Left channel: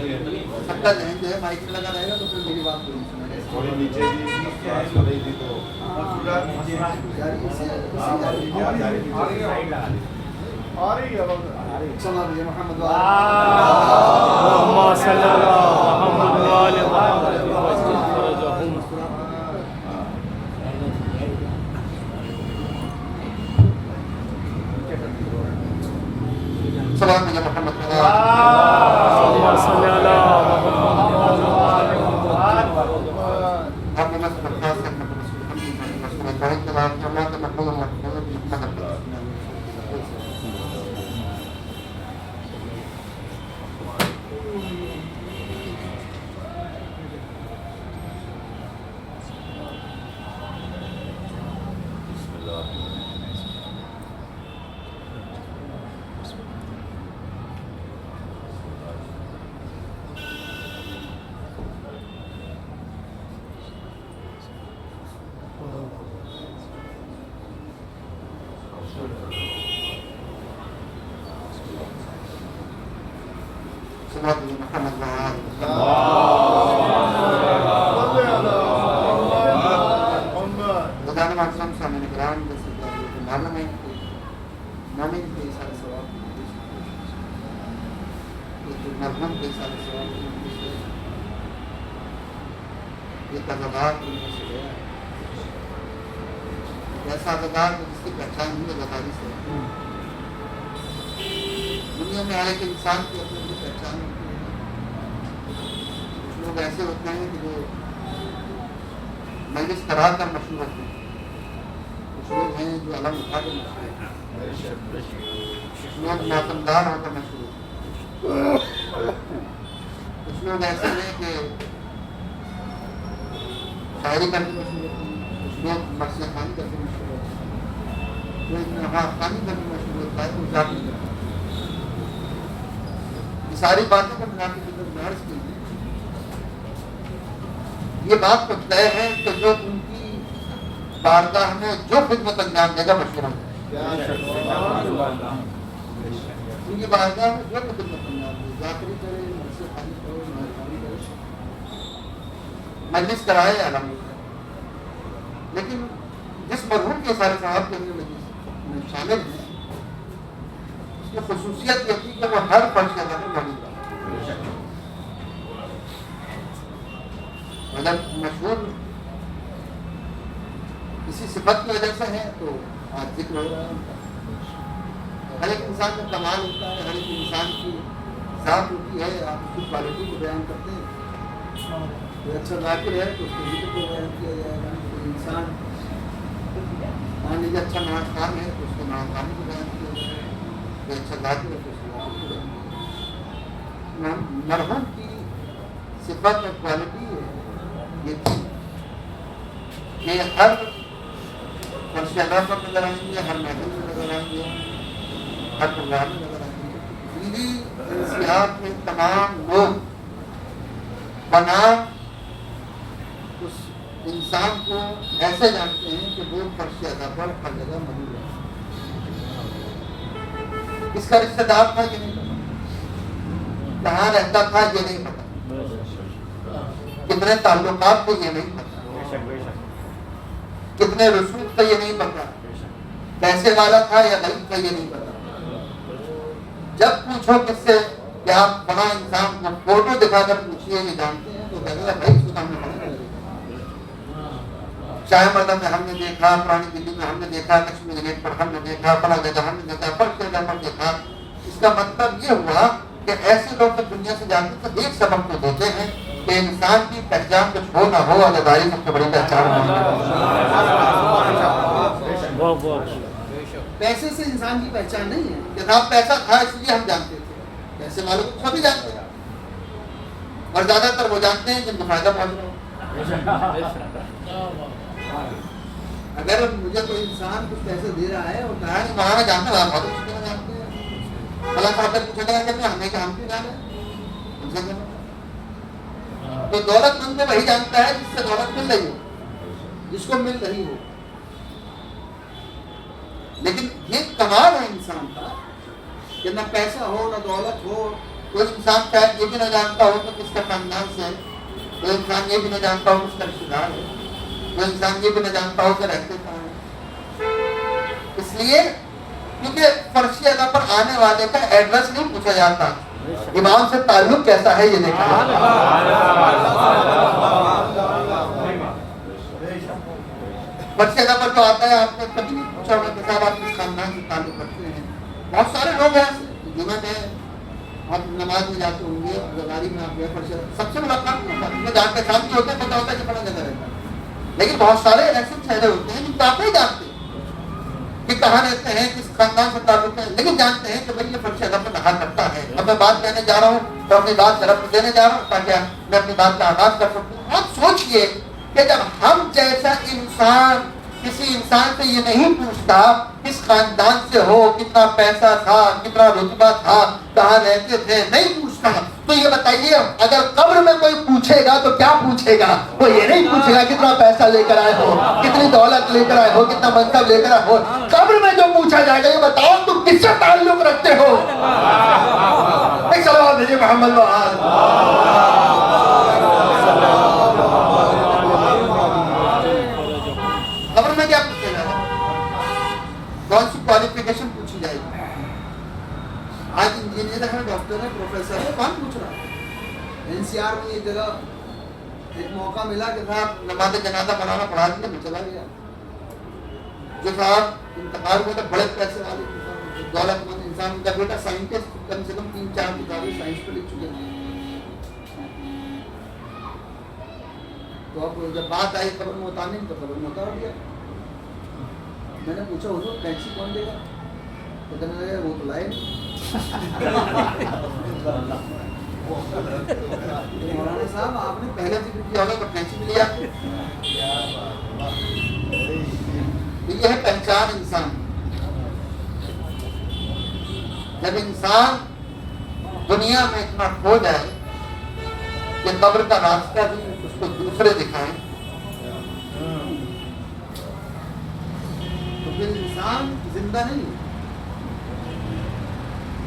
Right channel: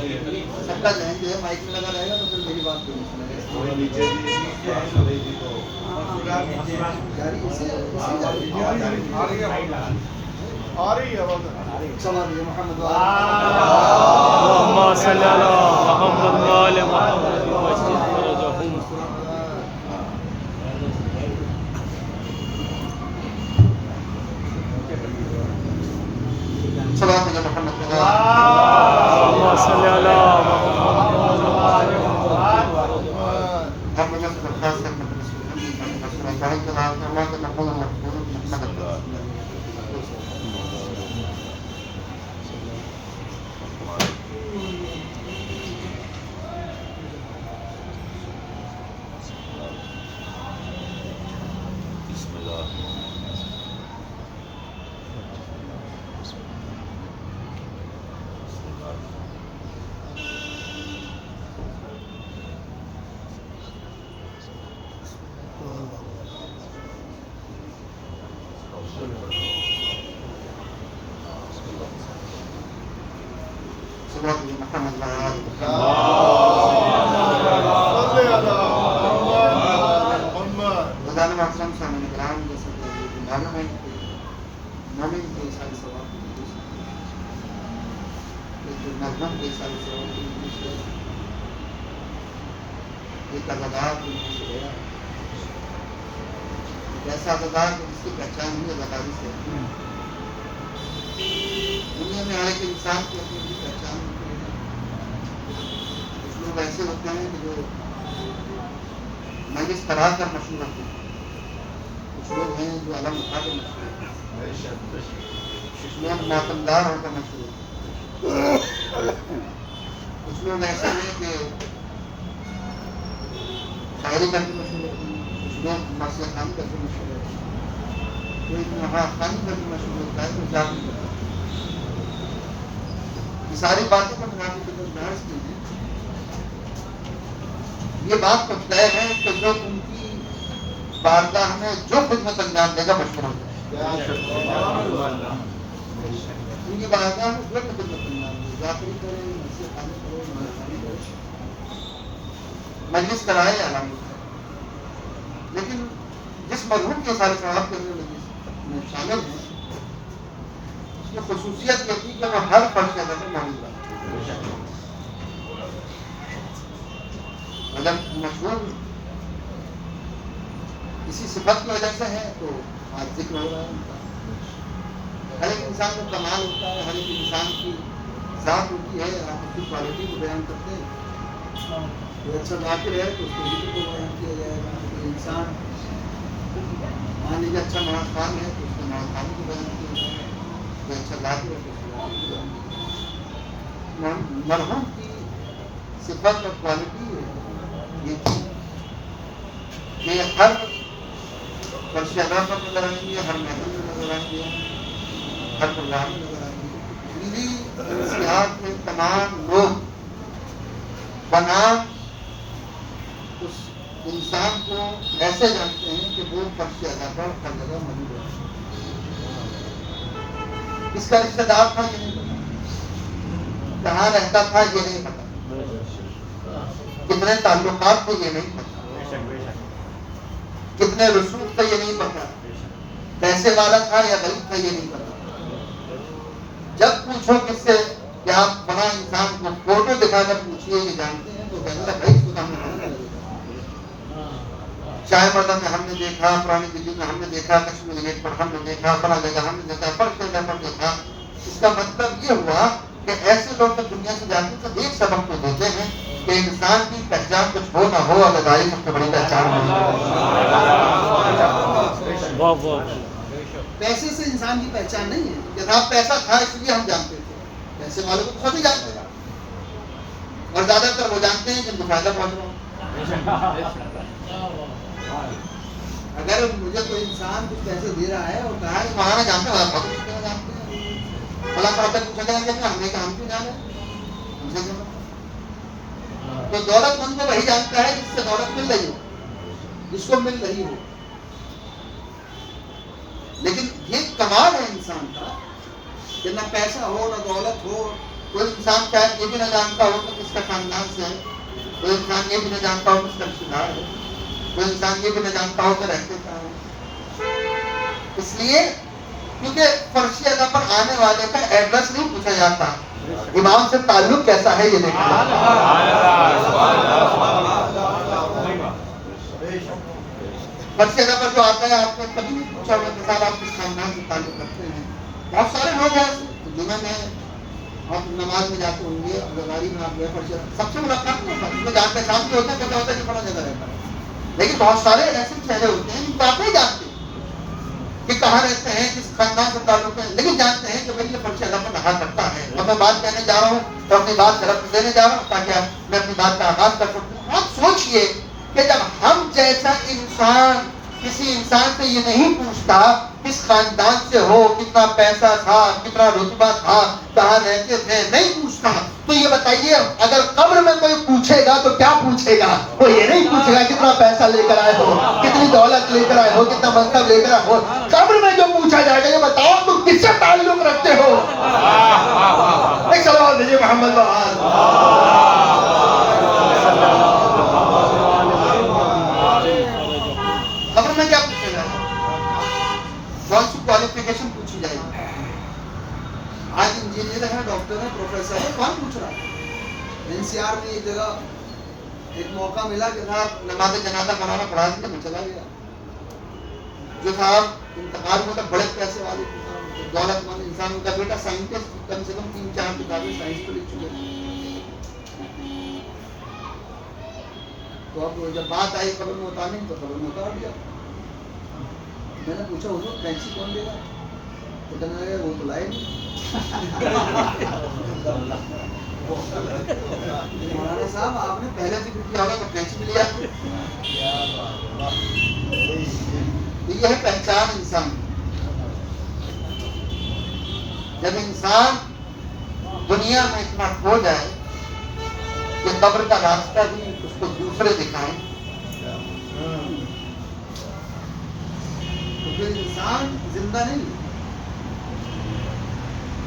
سب کا ذہن جو ہے مائک میں لگا رہے گا تو پھر میری بات کوئی نہیں سنے محمد اللهم صل على محمد وآل محمد وعجل فرجهم. اللهم صل على محمد وآل ایسا اداکار جس کی پہچان ہوئی اداکاری سے. دنیا میں ہر ایک انسان کی اپنی اپنی پہچان ہوتی ہے. کچھ لوگ ایسے ہوتے ہیں کہ جو مجلس کرا کر مشہور ہوتے ہیں. کچھ لوگ ہیں جو علم اٹھا کر مشہور ہوتے ہیں. کچھ لوگ ماتمدار ہو کر مشہور ہوتے ہیں. کچھ لوگ ایسے ہیں کہ شاعری کر کے مشہور ہوتے ہیں. کچھ لوگ مرثیہ خوانی کر کے مشہور ہوتے ہیں. کوئی نہا خوانی کر کے مشہور ہوتا ہے. کوئی ذاتی کرتا ہے. یہ ساری باتیں کا منافع کی طرف بحث کی ہے. یہ بات تو طے ہے کہ جو ان کی بارگاہ میں جو خدمت انجام دے گا مشہور ہو جائے. ان کی بارگاہ میں جو بھی خدمت انجام دے, ذاکری کرے, مرثیہ خوانی کرے, نہا خوانی کرے, مجلس کرائے یا علم اٹھائے. لیکن جس مرحوم کے سارے ثواب کے اندر مجلس میں شامل ہیں اس کی خصوصیت یہ تھی کہ وہ ہر فرض کے اندر موجود رہا. اگر مشہور کسی صفت کی وجہ سے ہے تو آج ذکر ہو رہا ہے ان کا. ہر ایک انسان کا کمال ہوتا ہے, ہر ایک انسان کی ذات ہوتی ہے. آپ اس کی کوالٹی کو بیان کرتے ہیں. کوئی اچھا ذاکر ہے تو اس کے ذکر کو بیان کیا جائے گا. کوئی انسان مان لیجیے اچھا نماز خوان ہے تو اس کے نماز خوانی کو بیان کیا جائے گا. کوئی اچھا ذاکر ہے تو اس کے ذاکر کو بیان کیا جائے گا. مرحوم کی صفت اور کوالٹی یہ تھی کہ ہر فرش ادا پر نظر آئیں گے, ہر محفل میں نظر آئیں گے, ہر پروگرام میں نظر آئیں گے. دلی انسیات میں تمام لوگ بنام اس انسان کو ایسے جانتے ہیں کہ وہ فرش ادا پر ہر جگہ موجود ہے. کس کا رشتہ دار تھا یہ نہیں پتا, کہاں رہتا تھا یہ نہیں پتا, کتنے تعلقات تھے یہ نہیں پتا, کتنے رسوخ تھے یہ نہیں پتا, پیسے والا تھا یا غریب تھا یہ نہیں پتا. جب پوچھو کس سے کہ آپ فلاں انسان کو فوٹو دکھا کر پوچھیے کہ جانتے ہیں تو کہتے ہیں بھائی اس کو ہم نے پڑھا نہیں. شاہ مردہ میں ہم نے دیکھا, پرانی دلی میں ہم نے دیکھا, کشمیر گیٹ پر ہم نے دیکھا, فلاں جگہ ہم نے دیکھا, فرش جگہ پر دیکھا. اس کا مطلب یہ ہوا کہ ایسے لوگ جب دنیا سے جاتے ہیں تو ایک سبق کو دیتے ہیں کہ انسان کی پہچان کچھ ہو نہ ہو, ادائی سب سے بڑی پہچان ہے. پیسے سے انسان کی پہچان نہیں ہے کہ صاحب پیسہ تھا اس لیے ہم جانتے تھے. پیسے والوں کو سبھی جانتے ہیں, اور زیادہ تر وہ جانتے ہیں جن کو فائدہ پہنچ رہا ہو. اگر مجھے کوئی انسان کچھ پیسے دے رہا ہے اور کہا ہے وہاں جانتے ہیں, بہت اچھی طرح جانتے ہیں, اللہ تعالیٰ پوچھا جائے کہ ہم نے کہ ہم کیوں جانے, ہم سے کیا مطلب. تو دولت مند کو وہی جانتا ہے جس سے دولت مل رہی ہو, جس کو مل رہی ہو. لیکن یہ کمال ہے انسان کا کہ نہ پیسہ ہو, نہ دولت ہو, کوئی انسان شاید یہ بھی نہ جانتا ہو کہ کس کا خاندان سے ہے، کوئی انسان یہ بھی نہ جانتا ہو کس کا رشتہ دار ہے، کوئی انسان یہ بھی نہ جانتا ہو کہ رہتے کہاں ہے. اس لیے کیونکہ فرشی ادا پر آنے والے کا ایڈریس نہیں پوچھا جاتا، امام سے تعلق کیسا ہے یہ دیکھا جاتا ہے. فرشی ادا پر جو آتا ہے آپ نے کبھی نہیں پوچھا ہوگا کہ صاحب آپ کس خاندان سے تعلق رکھتے ہیں. بہت سارے لوگ ہیں ایسے جنہوں نے آپ نماز میں جاتے ہوں گے، گزاری میں آپ گئے فرشی سب سے ملاقات نہیں ہوتا، جن جان پہچان کے ہوتے ہیں پتا ہوتا ہے کہ بڑا جگہ رہتا ہے. لیکن بہت سارے ایسے چہرے ہوتے ہیں جن کو آپ نہیں جانتے کہ کہاں رہتے ہیں، کس خاندان سے تعلق ہے، لیکن جانتے ہیں کہ بھائی یہ فرشی ادا پر رہا کرتا ہے. اب میں بات کہنے جا رہا ہوں تو اپنی بات طرف دینے جا رہا ہوں تاکہ میں اپنی بات کا آغاز کر سکوں. آپ سوچئے کہ جب ہم جیسا انسان کسی انسان سے یہ نہیں پوچھتا کس خاندان سے ہو، کتنا پیسہ تھا، کتنا رتبہ تھا، کہاں رہتے تھے، نہیں پوچھتا، تو یہ بتائیے اگر قبر میں کوئی پوچھے گا تو کیا پوچھے گا؟ وہ یہ نہیں پوچھے گا کتنا پیسہ لے کر آئے ہو، کتنی دولت لے کر آئے ہو، کتنا منصب لے کر آئے ہو. قبر میں جو پوچھا جائے گا یہ بتاؤ تم کس سے تعلق رکھتے ہو. ایک سوال دیجیے محمد خبر میں کیا پوچھے گا؟ کون سی کوالیفیکیشن پوچھی جائے گی؟ آج انجینئر ہے، ڈاکٹر ہے، پروفیسر ہے، کون پوچھ رہا ہے؟ NCR میں ایک جگہ ایک موقع ملا کہ صاحب نماز جنازہ مولانا پڑھا دیا، میں چلا گیا. جو صاحب انتقال ہوا تھا بڑے پیسے والے دولت مند انسان، ان کا بیٹا سائنٹسٹ، کم سے کم 3-4 کتابیں سائنس پہ لکھ چکے ہیں. تو اب جب بات آئی قبر میں اتارنے تو قبر میں اتار دیا. میں نے پوچھا حضور پینسی کون دے گا؟ تو کہنے لگے وہ تو لائے نہیں. مولانا صاحب آپ نے پہلے ذکر کیا ہوگا کہ پینسی ملی آپ کو. یہ ہے پہچان انسان. جب انسان دنیا میں اتنا کھو جائے کہ قبر کا راستہ بھی اس کو دوسرے دکھائیں تو پھر انسان زندہ نہیں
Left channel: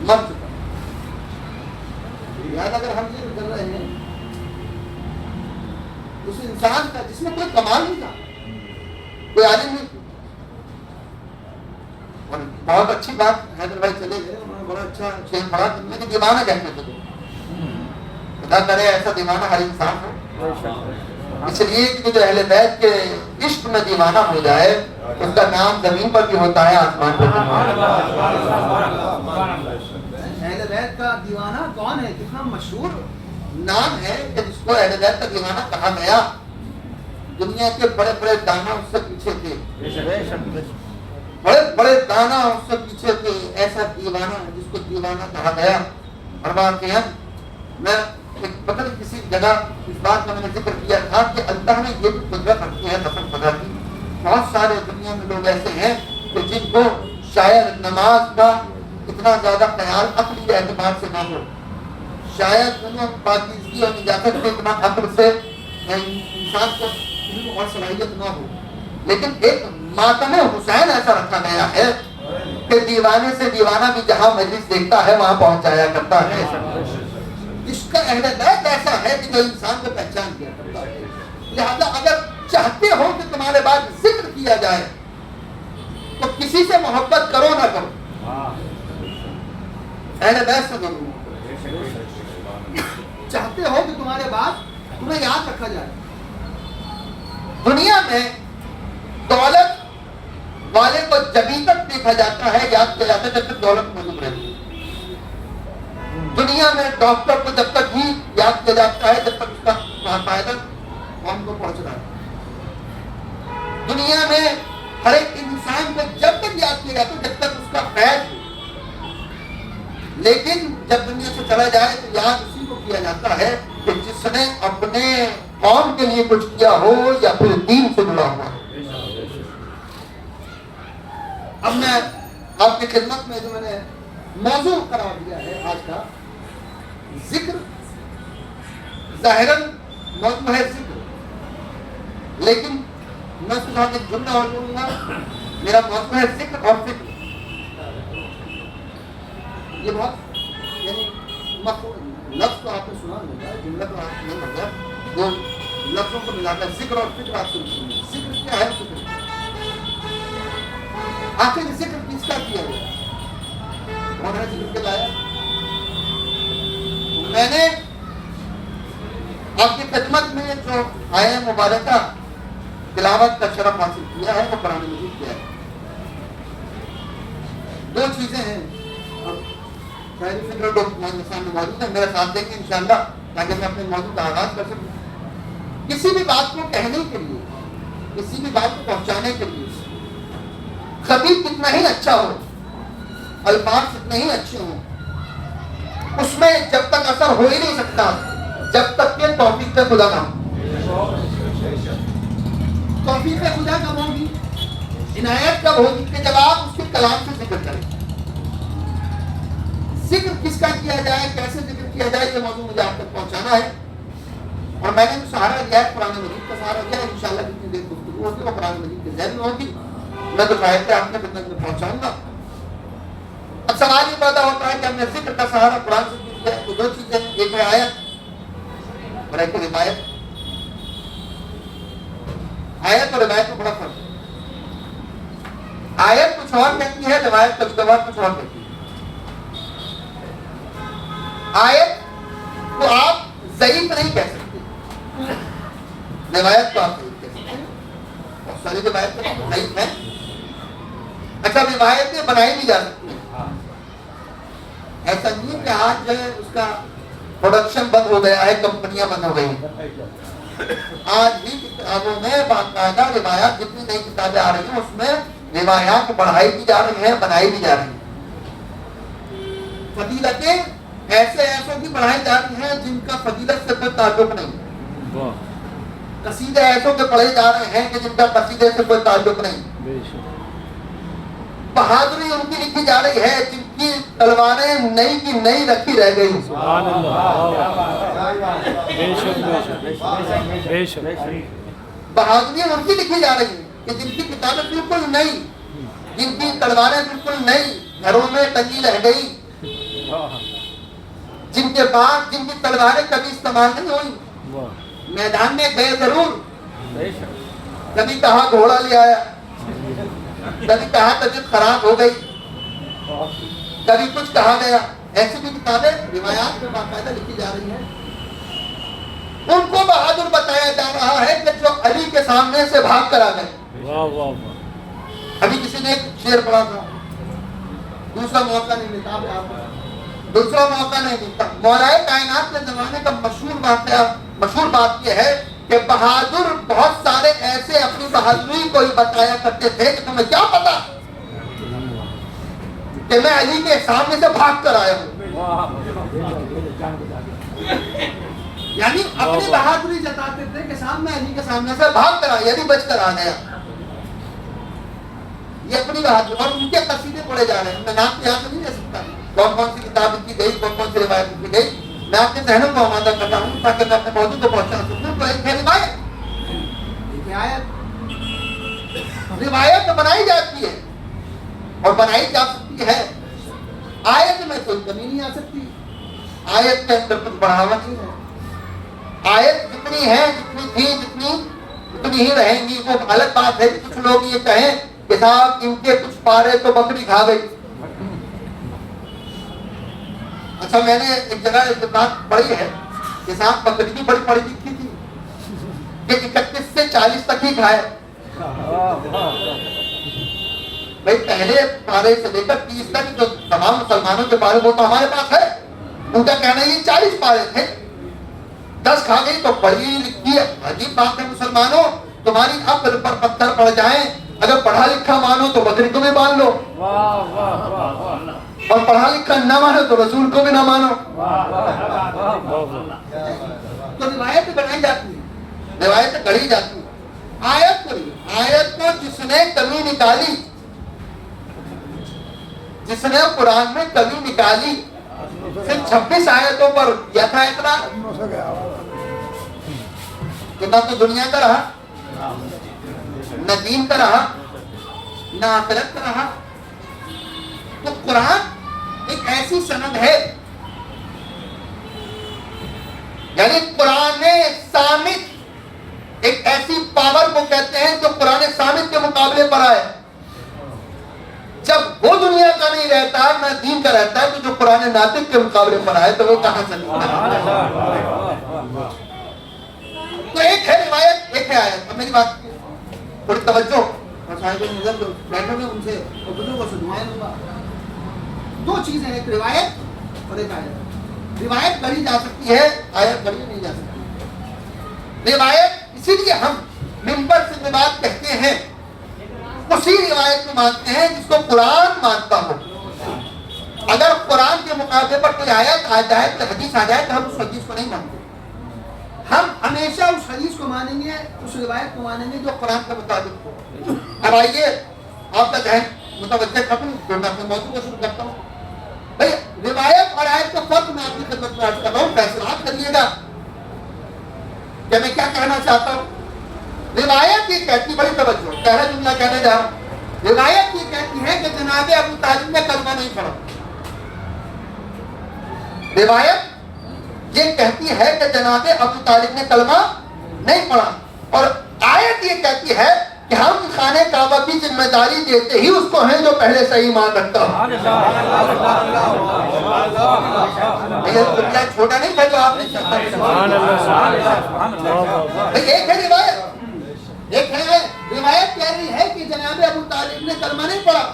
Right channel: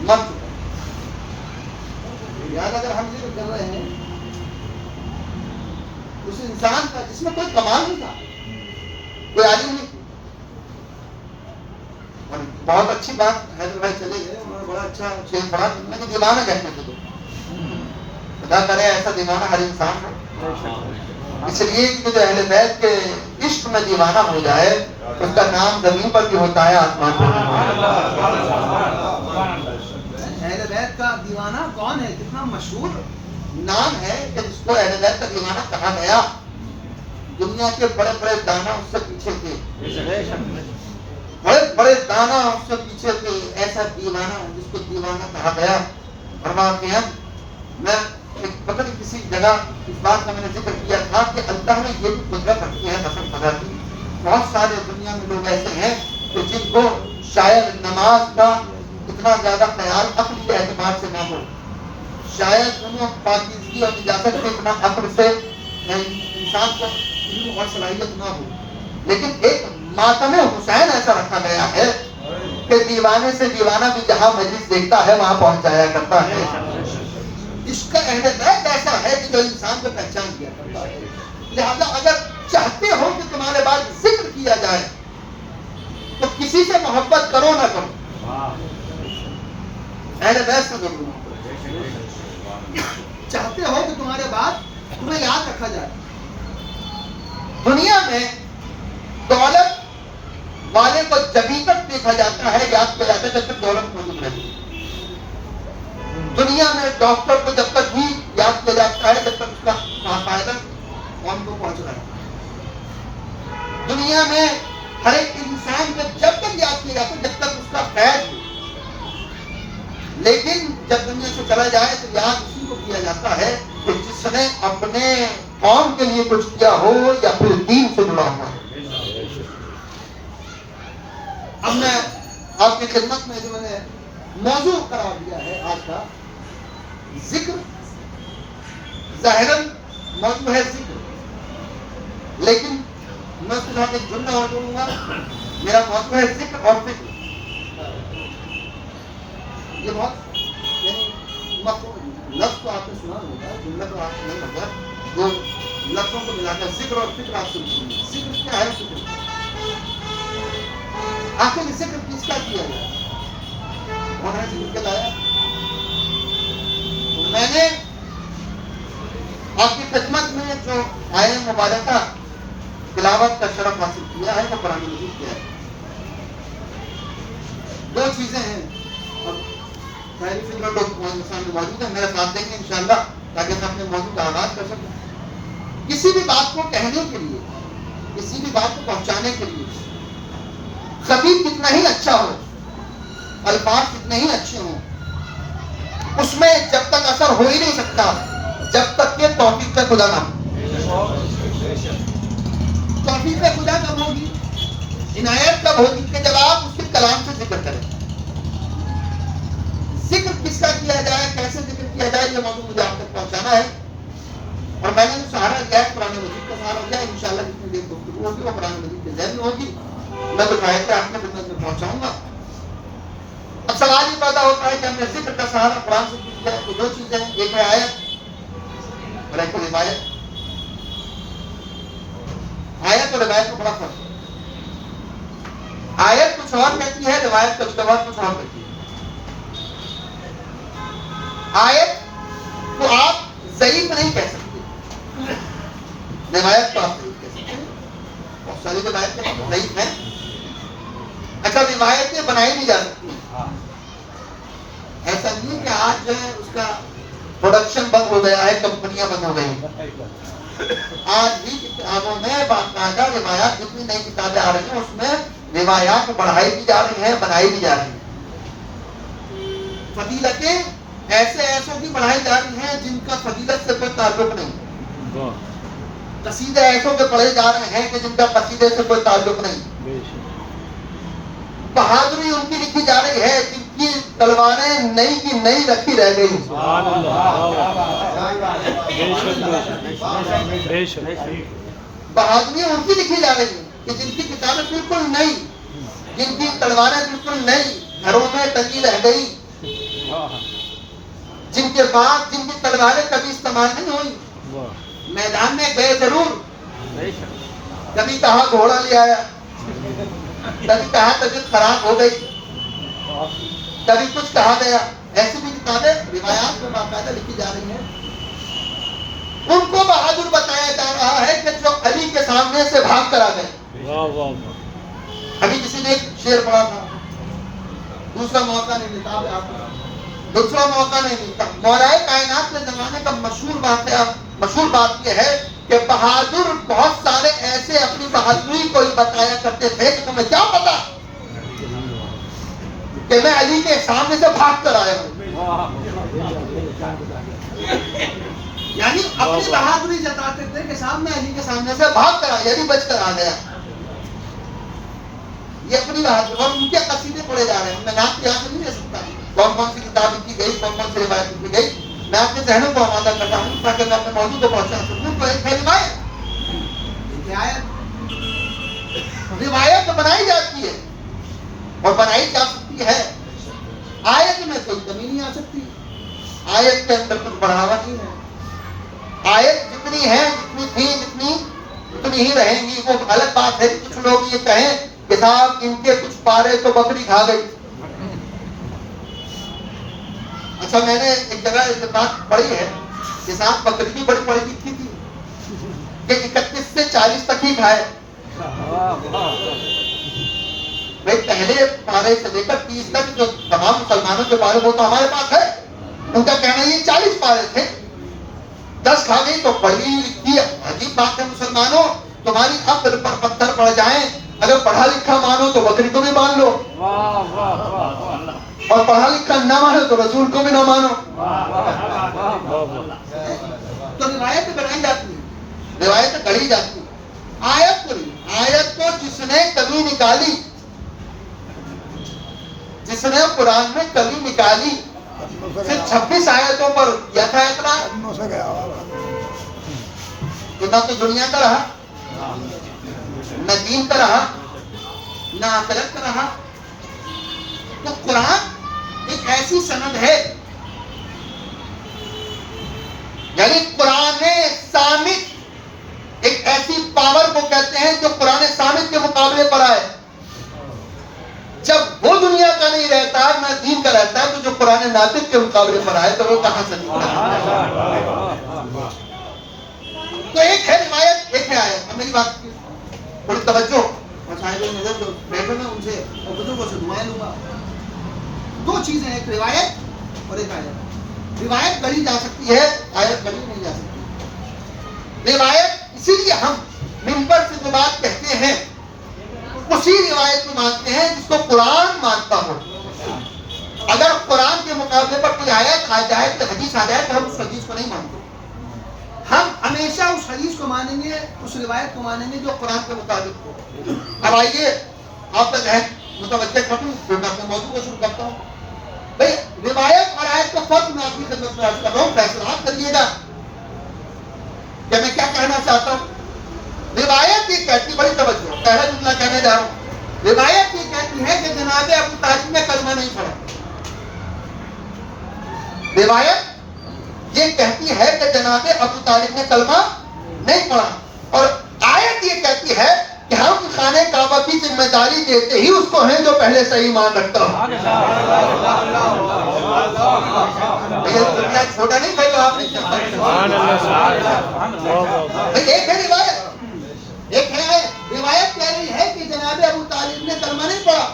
مر چکا. یاد اگر ہم ذکر کر رہے ہیں اس انسان کا جس میں کوئی کمال نہیں تھا، کوئی عالم نہیں تھی. اور بہت اچھی بات حیدر بھائی چلے گئے، انہوں نے بڑا اچھا شعر پڑھا جن کہ دیوانہ کہتے تھے تو خدا کرے ایسا دیوانہ ہر انسان ہو. اس لیے کہ جو اہل بیت کے عشق میں دیوانہ ہو جائے اس کا نام زمین پر بھی ہوتا ہے، آسمان پر بھی. اہل بیت کا دیوانہ کون ہے؟ کتنا مشہور نام ہے کہ جس کو اہل بیت کا دیوانہ کہا گیا. دنیا کے بڑے بڑے دانا اس سے پیچھے تھے، بڑے بڑے دانا اس سے پیچھے تھے. ایسا دیوانہ جس کو دیوانہ کہا گیا. اور واقعا میں پتہ نہیں کسی جگہ اس بات کا میں نے ذکر کیا تھا کہ اللہ نے یہ بھی قدرت رکھی ہے قسم خدا کی. بہت سارے دنیا میں لوگ ایسے ہیں کہ جن کو شاید نماز کا اتنا زیادہ خیال عقل کے اعتبار سے نہ ہو، شاید انہوں پاکیزگی اور نجاست کے اتنا عقل سے انسان کو علم اور صلاحیت نہ ہو، لیکن ایک ماتم حسین ایسا رکھا گیا ہے کہ دیوانے سے دیوانہ بھی جہاں مجلس دیکھتا ہے وہاں پہنچ جایا کرتا ہے. اس کا اہل بیت ایسا ہے کہ جو انسان کو پہچان کیا کرتا ہے. لہذا اگر چاہتے ہو کہ تمہارے بعد ذکر کیا جائے تو کسی سے محبت کرو نہ کرو، اہل بیت سے ضرور چاہتے ہو کہ تمہارے بعد تمہیں یاد رکھا جائے. دنیا میں دولت والے کو جبھی تک دیکھا جاتا ہے، یاد کیا جاتا ہے جب تک دولت موجود رہتی ہے. دنیا میں ڈاکٹر کو جب تک ہی یاد کیا جاتا ہے جب تک اس کا فائدہ قوم کو پہنچ رہا ہے. دنیا میں ہر ایک انسان کو جب تک یاد کیا جاتا ہے جب تک اس کا فیض ہو، لیکن جب دنیا سے چلا جائے تو یاد اسی کو کیا جاتا ہے کہ جس نے اپنے قوم کے لیے کچھ کیا ہو یا پھر دین سے جڑا ہوا. اب میں آپ کی خدمت میں جو میں نے موضوع قرار دیا ہے آج کا ذکر، ظاہراً موضوع ہے ذکر، لیکن میں اس کے ساتھ ایک جملہ اور بولوں گا. میرا موضوع ہے ذکر اور فکر. یہ بہت یعنی لفظ تو آپ نے سنا ہوگا, جملہ تو آپ نے نہیں ہوگا, دو لفظوں کو ملا کر ذکر اور فکر آپ سن سنیں. ذکر کیا ہے؟ فکر آخر ذکر کس کا کیا گیا؟ کون ہے ذکر کے لائق؟ تو میں نے آپ کی خدمت میں جو آیہ مبارکہ تلاوت کا شرف حاصل کیا ہے وہ قرآن مجید کیا ہے. دو چیزیں ہیں. اب شاعری فکر لوگ سامنے موجود ہیں, میرا ساتھ دیں گے انشاءاللہ تاکہ میں اپنے موضوع کا آغاز کر سکوں. کسی بھی بات کو کہنے کے لیے, کسی بھی بات کو پہنچانے کے لیے خطیب کتنا ہی اچھا ہو, الفاظ کتنے ہی اچھے ہوں, اس میں جب تک اثر ہو ہی نہیں سکتا جب تک کہ توفیق خدا نہ ہو. توفیق خدا کب ہوگی؟ عنایت کب ہوگی؟ کہ جب آپ اس کے کلام سے ذکر کریں. ذکر کس کا کیا جائے, کیسے ذکر کیا جائے, یہ موضوع مجھے آپ تک پہنچانا ہے. اور میں نے جو سہارا لیا ہے قرآن مجید کا سہارا لیا ہے. انشاءاللہ جتنی دیر گفتگو ہوگی وہ قرآن مجید کے ذہن میں ہوگی. میں تو شاید آپ کے خدمت میں پہنچاؤں گا. اب سوال یہ پیدا ہوتا ہے کہ ہم نے ذکر کا سہارا قرآن سے کیا ہے. تو دو چیزیں ہیں, ایک ہے آیت اور ایک ہے روایت. آیت اور روایت کو بڑا فرق ہے. آیت کچھ اور کہتی ہے, روایت کچھ اور کہتی ہے. آیت کو آپ ضعیف نہیں کہہ سکتے, روایت کو آپ ضعیف کہہ سکتے ہیں. بہت ساری روایت ضعیف ہیں. اچھا, روایتیں بنائی بھی جا سکتی ہیں. ایسا نہیں کہ آج جو ہے اس کا پروڈکشن بند ہو گیا ہے, کمپنیاں بند ہو گئی. آج بھی کتابوں میں باقاعدہ روایات, جتنی نئی کتابیں آ رہی ہیں اس میں روایات بڑھائی بھی جا رہی ہیں, بنائی بھی جا رہی ہیں. فضیلتیں ایسے ایسوں کی بڑھائی جا رہی ہیں جن کا فضیلت سے کوئی تعلق نہیں. قصیدے ایسوں کے پڑھے جا رہے ہیں کہ جن کا قصیدے سے کوئی تعلق نہیں. بہادری ان کی لکھی جا رہی ہے جن کی تلواریں نئی کی نئی رکھی رہ گئی. بہادری ان کی لکھی جا رہی ہے کہ جن کی کتابیں بالکل نئی, جن کی تلواریں بالکل نئی گھروں میں ٹنگی رہ گئی, جن کے بعد جن کی تلواریں کبھی استعمال نہیں ہوئی. میدان میں گئے ضرور, کبھی کہا گھوڑا لے آیا, کبھی کہا طبیعت خراب ہو گئی, کبھی کچھ کہا گیا. ایسی بھی کتابیں روایات میں باقاعدہ لکھی جا رہی ہیں. ان کو بہادر بتایا جا رہا ہے کہ جو علی کے سامنے سے بھاگ کر آ گئے. ابھی کسی نے ایک شعر پڑھا تھا, دوسرا موقع نہیں ملتا, دوسرا موقع نہیں ملتا. مولا کائنات کے زمانے کا مشہور بات یہ ہے کہ بہادر بہت سارے ایسے اپنی بہادری کو ہی بتایا کرتے تھے کہ تمہیں کیا پتا کہ میں علی کے سامنے سے بھاگ کر آیا ہوں. یعنی اپنی بہادری جتاتے تھے کہ صاحب میں علی کے سامنے سے بھاگ کر آیا, یعنی بچ کر آ گیا. یہ اپنی بہادری. اور ان کے قصیدے پڑھے جا رہے ہیں. میں نام یاد نہیں لے سکتا کون کون سی کتاب لکھی گئی, کون کون سی روایت لکھی گئی. میں اپنے ذہنوں کو آمادہ کرتا ہوں تاکہ میں اپنے موضوع کو پہنچا سکوں. تو ایک ہے روایت بنائی جاتی ہے اور بنائی جا سکتی ہے. آیت میں کوئی کمی نہیں آ سکتی. آیت کے اندر کچھ بڑھاوا نہیں ہے. آیت جتنی ہے, جتنی تھی, اتنی ہی رہیں گی. وہ الگ بات ہے کچھ لوگ یہ کہیں کہ صاحب ان کے کچھ پارے تو بکری کھا گئی. اچھا, میں نے ایک جگہ ایک بات پڑھی ہے کہ صاحب بکری بھی بڑی پڑی لکھی تھی کہ 31 سے 40 تک ہی کھائے. بھائی پہلے پارے سے لے کر 30 تک جو تمام مسلمانوں کے پارے وہ تو ہمارے پاس ہے. ان کا کہنا یہ 40 پارے تھے, 10 کھا گئی تو بڑی لکھی ہے. عجیب بات ہے مسلمانوں, تمہاری عقل پر پتھر پڑ جائیں, اگر پڑھا لکھا مانو تو بکری کو بھی مان لو, اور پڑھا لکھا نہ مانو تو رسول کو بھی نہ مانو. تو روایت بنائی جاتی ہے, روایت گڑھی جاتی ہے. آیت کو نہیں. آیت کو جس نے کمی نکالی, جس نے قرآن میں کمی نکالی, صرف 26 آیتوں پر کیا تھا اعتراض. نہ تو دنیا کا رہا, نہ دین کا رہا, نہ آخرت کا رہا. تو قرآن ایک ایسی سند ہے یعنی قرآن صامت ایک ایسی پاور کو کہتے ہیں جو قرآن صامت کے مقابلے پر آئے. جب وہ دنیا کا نہیں رہتا نہ دین کا رہتا ہے تو جو قرآن ناطق کے مقابلے پر آئے تو وہ کہاں سے تو ایک ہے روایت ایک ہے آیت. اب میری بات بڑی توجہ اور صاحب نظر جو بیٹھے ہیں ان سے اور بزرگوں سے دعائیں لوں گا. دو چیزیں ایک روایت اور ایک آیت. روایت گڑھی جا سکتی ہے آیت گڑھی نہیں جا سکتی. روایت اسی لیے ہم منبر سے جو بات کہتے ہیں اسی روایت کو مانتے ہیں جس کو قرآن مانتا ہو. اگر قرآن کے مقابلے پر کوئی آیت آ جائے کوئی حدیث آ جائے تو ہم اس حدیث کو نہیں مانتے. ہم ہمیشہ اس حدیث کو مانیں گے اس روایت کو مانیں گے جو قرآن کے مطابق ہو. اب آئیے آپ کا ذہن متوجہ کروں پھر میں اپنے موضوع کو شروع کرتا ہوں. بھائی روایت اور آیت کا فرق میں آپ کی خدمت میں عرض کر رہا ہوں. فیصلہ آپ کر لیے گا کہ میں کیا کہنا چاہتا ہوں. روایت یہ کہتی بڑی توجہ پہلا جملہ کہنے جا رہا ہوں. روایت یہ کہتی ہے کہ جناب ابو طالب نے کلمہ نہیں پڑھا. روایت یہ کہتی ہے کہ جناب ابو طالب نے کلمہ نہیں پڑھا. اور آیت یہ کہتی ہے کہ ہم خانہ کعبہ کی ذمہ داری دیتے ہی اس کو ہیں جو پہلے سے ایمان رکھتا ہو. چھوٹا نہیں کہا آپ نے. ایک ہے روایت ایک ہے روایت کہہ رہی ہے کہ جناب ابو طالب نے کلمہ نہیں پڑھا.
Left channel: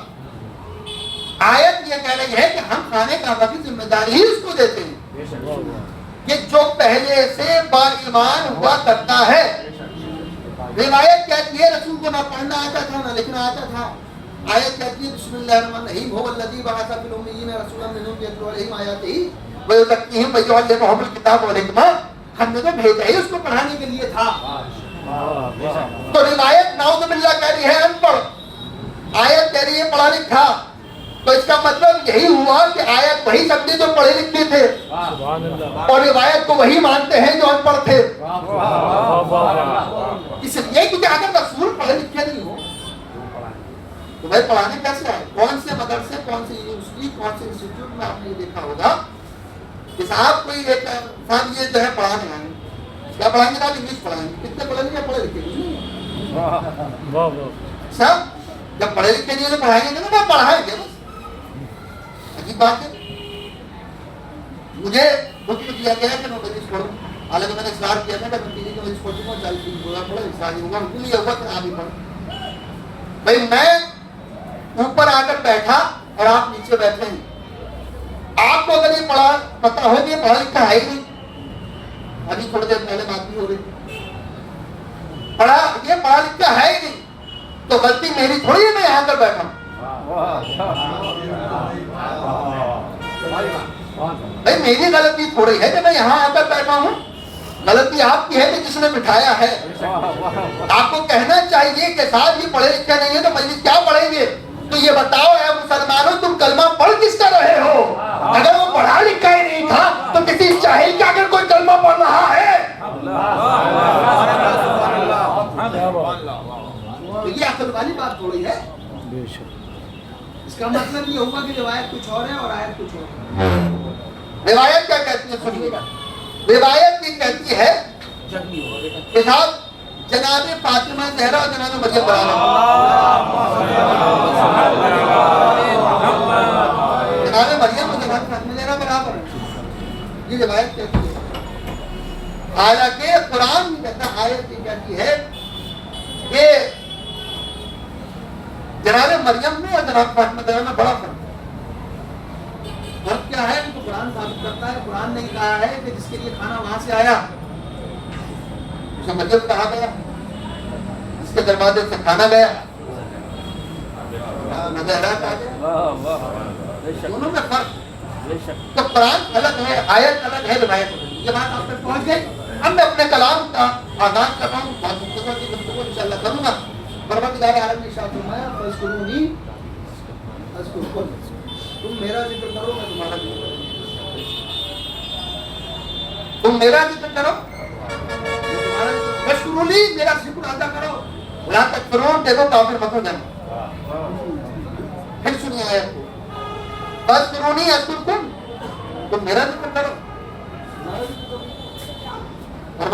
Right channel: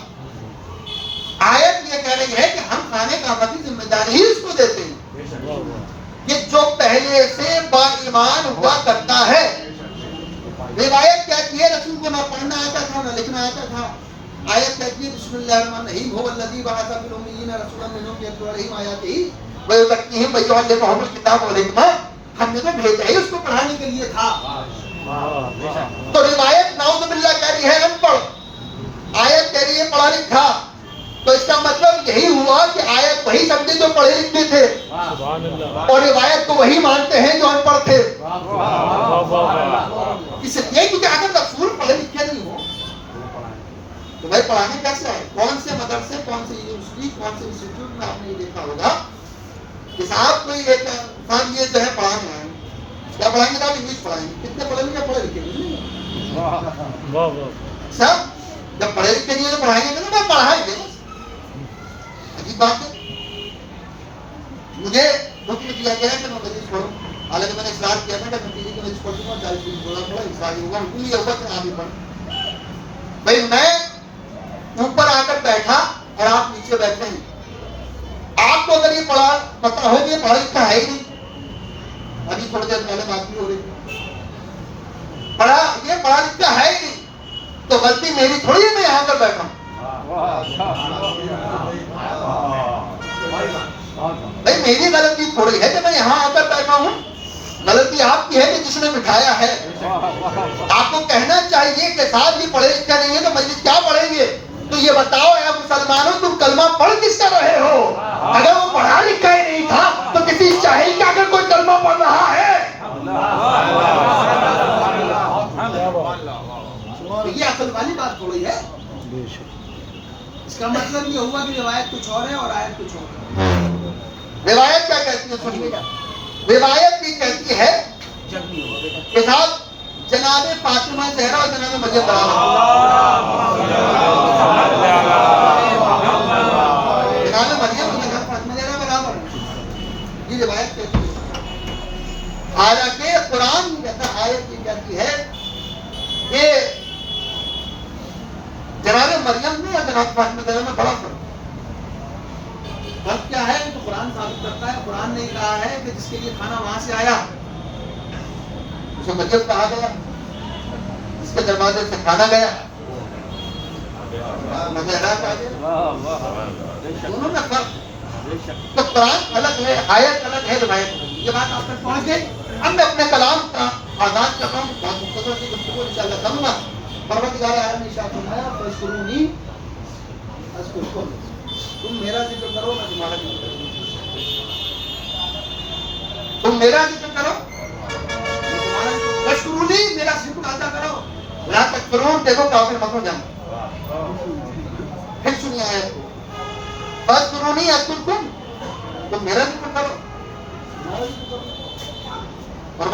آیت یہ کہہ رہی ہے کہ ہم خانہ کعبہ کی ذمہ داری ہی اس کو دیتے ہیں کہ جو پہلے سے با ایمان ہوا کرتا ہے. روایت کہتی ہے رسول کو نہ پڑھنا آتا تھا نہ لکھنا آتا تھا. آیت کہتی ہے بسم اللہ الرحمن الرحیم هو الذی بعث فی الامیین رسولا منهم یتلو علیہم آیاتہ ویزکیہم ویعلمہم الکتاب والحکمہ. ہم نے تو بھیجا ہی اس کو پڑھانے کے لیے تھا. تو روایت نعوذ باللہ کہہ رہی ہے ان پڑھ. آیت کہہ رہی ہے پڑھا لکھا. تو اس کا مطلب یہی ہوا کہ آیت وہی سمجھے جو پڑھے لکھے تھے اور روایت کو وہی مانتے ہیں جو ان پڑھ تھے. اس لیے کہ اگر رسول پڑھے لکھے نہیں ہو تو بھائی پڑھانے کیسے آئے. کون سے مدرسے کون سے یونیورسٹی کون سے انسٹیٹیوٹ میں آپ نے یہ دیکھا ہوگا کہ صاحب کوئی ایک انسان یہ جو ہے پڑھانے آئے کیا پڑھائیں گے. آپ انگلش پڑھائیں گے. کتنے پڑھے لکھے پڑھے لکھے صاحب جب پڑھے لکھے نہیں پڑھائیں گے تو میں پڑھائیں گے. عجیب بات ہے. مجھے حکم دیا گیا کہ میں مدرس پڑھوں. حالانکہ میں نے اصرار کیا تھا کہ نتیجے کے مدرس پڑھوں گا 40 دن بولا پڑا اصرار ہوگا حکم یہ ہوا کہ آپ ہی پڑھ. بھائی میں اوپر آ کر بیٹھا اور آپ نیچے بیٹھے ہیں. آپ کو اگر یہ پڑھا پتہ ہو کہ پڑھا لکھا ہے ہی نہیں. ابھی تھوڑی دیر پہلے بات بھی ہو رہی یہ پڑھا لکھا ہے ہی نہیں تو غلطی میری تھوڑی میں یہاں پر بیٹھا ہوں. بھائی میری غلطی تھوڑی ہے کہ میں یہاں آ کر بیٹھا ہوں. غلطی آپ کی ہے کہ جس نے بٹھایا ہے. آپ کو کہنا چاہیے کہ صاحب یہ پڑھے لکھے نہیں ہے تو مسجد کیا پڑھیں گے. تو یہ بتاؤ اے مسلمانوں تم کلمہ پڑھ کس کر رہے ہو. اگر وہ پڑھا لکھا ہی نہیں تھا تو کسی چاہیے کہ اگر کوئی کلمہ پڑھ رہا ہے یہ عقل والی بات تھوڑی ہے. اس کا مطلب یہ ہوا کہ روایت کچھ اور ہے اور آیت کچھ اور ہے. روایت کیا کہتی ہے سنیے گا. روایت یہ کہتی ہے کہ صاحب جناب فاطمہ زہرا اور جناب مریم برابر. جناب مریم اور جناب فاطمہ زہرا برابر یہ روایت کہتی ہے. حالانکہ قرآن یہ کہتا ہے آیت یہ کہتی ہے کہ جناب مریم میں اور جناب فاطمہ زہرا میں بڑا فرق. فرق کیا ہے تو قرآن ثابت کرتا ہے. قرآن نے کہا ہے کہ جس کے لیے کھانا وہاں سے آیا اسے مریم کہا گیا. جس کے دروازے سے کھانا گیا زہرا کہا گیا. دونوں میں فرق. تو قرآن الگ ہے آیت الگ ہے روایت الگ. یہ بات آپ تک پہنچ گئی. اب میں اپنے کلام کا آغاز کر رہا ہوں. بہت مختصر سی گفتگو انشاءاللہ کروں گا. پروردگار عالم نے ارشاد فرمایا فاذکرونی اذکرکم. تم میرا ذکر کرو میں تمہارا ذکر کروں. تم میرا ذکر کرو میں تمہارا ذکر. فاذکرونی میرا ذکر ادا کرو. ولا تکفرون دیکھو کافر مت ہو جاؤ. پھر سنیے آیت کو. فاذکرونی اذکرکم. تم میرا ذکر کرو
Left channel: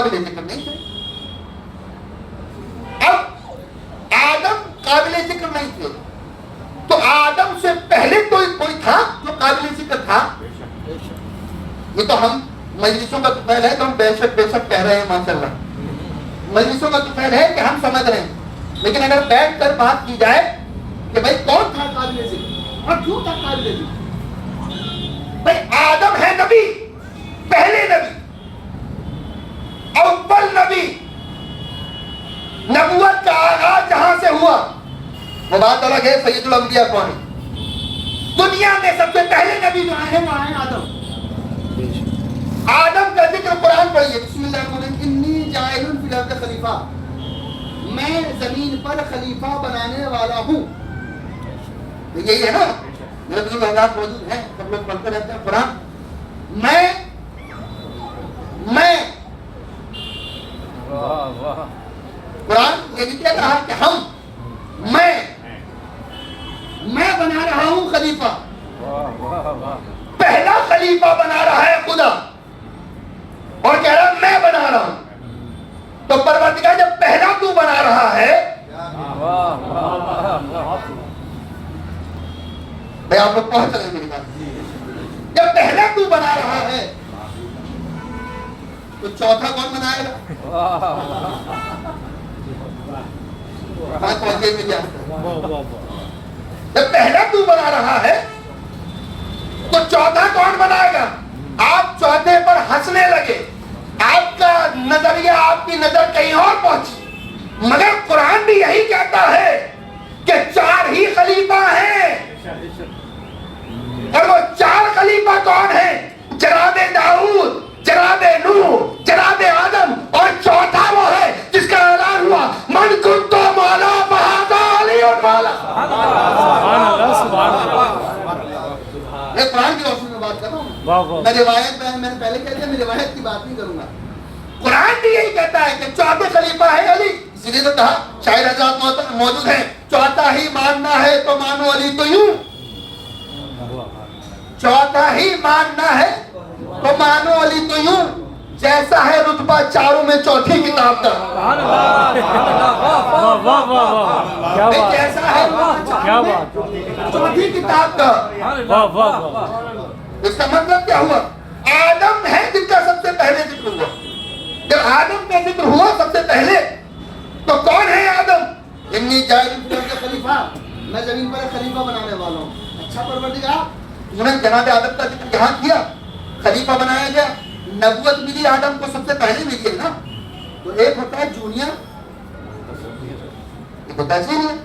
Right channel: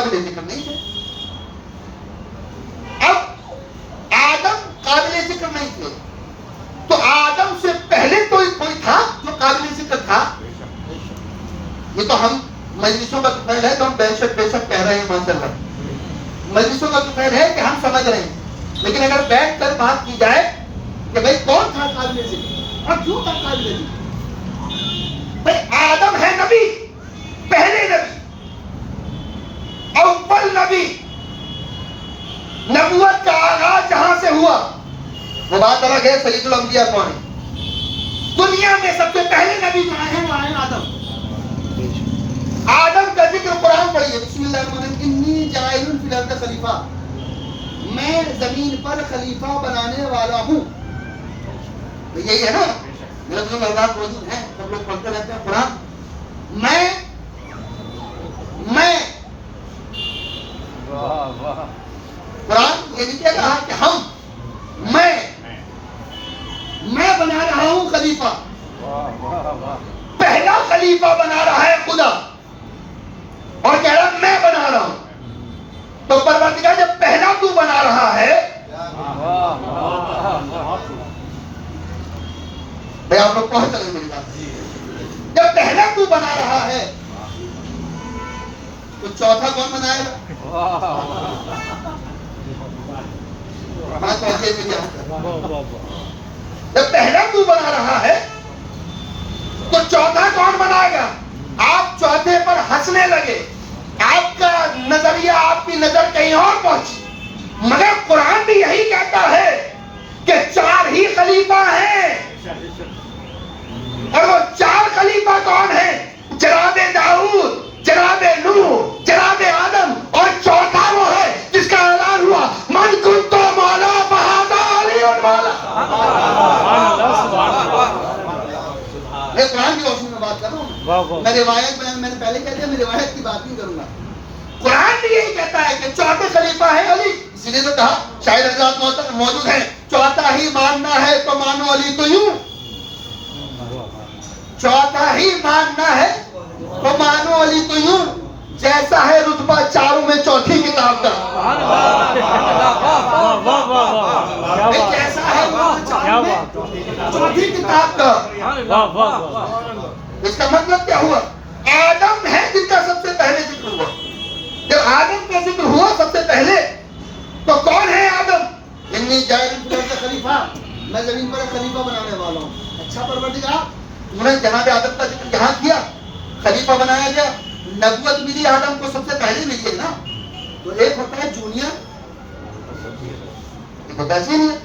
قابل ذکر نہیں تھے. اب آدم قابل ذکر نہیں تھے تو آدم سے پہلے کوئی تھا جو قابل ذکر تھا. یہ تو ہم مجلسوں کا طفیل ہے تو ہم بے شک کہہ رہے ہیں ماشاءاللہ. مجلسوں کا طفیل ہے کہ ہم سمجھ رہے ہیں. لیکن اگر بیٹھ کر بات کی جائے کہ بھائی کون تھا قابل ذکر اور کیوں تھا قابل ذکر. بھائی آدم ہے نبی, پہلے نبی, اول نبی. نبوت کا آغاز جہاں سے ہوا وہ بات الگ ہے سید الانبیاء کون ہے. دنیا میں سب سے پہلے نبی جو آئے ہیں وہ آئے آدم. آدم کا ذکر قرآن پڑھیے. بسم اللہ الرحمن الرحیم. انی جاعل فی الارض خلیفہ, میں زمین پر خلیفہ بنانے والا ہوں. یہی ہے نا, میرے بزرگ حضرات موجود ہیں, سب لوگ پڑھتے رہتے ہیں قرآن. میں قرآن یہ نہیں کہہ رہا کہ ہم, میں بنا رہا ہوں خلیفہ. پہلا خلیفہ بنا رہا ہے خدا اور کہہ رہا میں بنا رہا ہوں. تو پروردگار جب پہلا تو بنا رہا ہے, میں آپ لوگ پہنچ رہے ہیں میری بات, جب پہلا تو بنا رہا ہے تو چوتھا کون بنائے گا. جب پہلا تو بنا رہا ہے تو چوتھا کون بنائے گا. آپ چوتھے پر ہنسنے لگے, آپ کا نظریہ, آپ کی نظر کہیں اور پہنچی. مگر قرآن بھی یہی کہتا ہے کہ 4 ہی خلیفہ ہیں. اور وہ 4 خلیفہ کون ہیں؟ جناب داؤد, جناب نوح, جناب آدم, اور چوتھا وہ ہے جس کا اعلان ہوا من کنت مولا فہذا علی مولا. میں قرآن کی روشنی میں بات کر رہا ہوں. میں روایت میں نے پہلے کہہ دیا, میں روایت کی بات نہیں کروں گا. قرآن بھی یہی کہتا ہے کہ چوتھے خلیفہ ہے علی. اسی لیے تو کہا شاید حضرات موجود ہیں, چوتھا ہی ماننا ہے تو مانو علی کو یوں. چوتھا ہی ماننا ہے تو مانو علی کو یوں. جیسا ہے رتبہ چاروں میں چوتھی کتاب کا. جیسا ہے چاروں میں چوتھی کتاب کا. اس کا مطلب کیا ہوا؟ آدم ہے جن کا سب سے پہلے ذکر ہوا. جب آدم کا ذکر ہوا سب سے پہلے تو کون ہے آدم؟ انی جاعل فی الارض خلیفہ, میں زمین پر خلیفہ بنانے والا ہوں. اچھا پروردگار, تو نے جناب آدم کا ذکر یہاں کیا, خلیفہ بنایا گیا. نبوت ملی آدم کو سب سے پہلے ملی ہے نا. تو ایک ہوتا ہے جونیئر, ایک ہوتا ہے سینئر.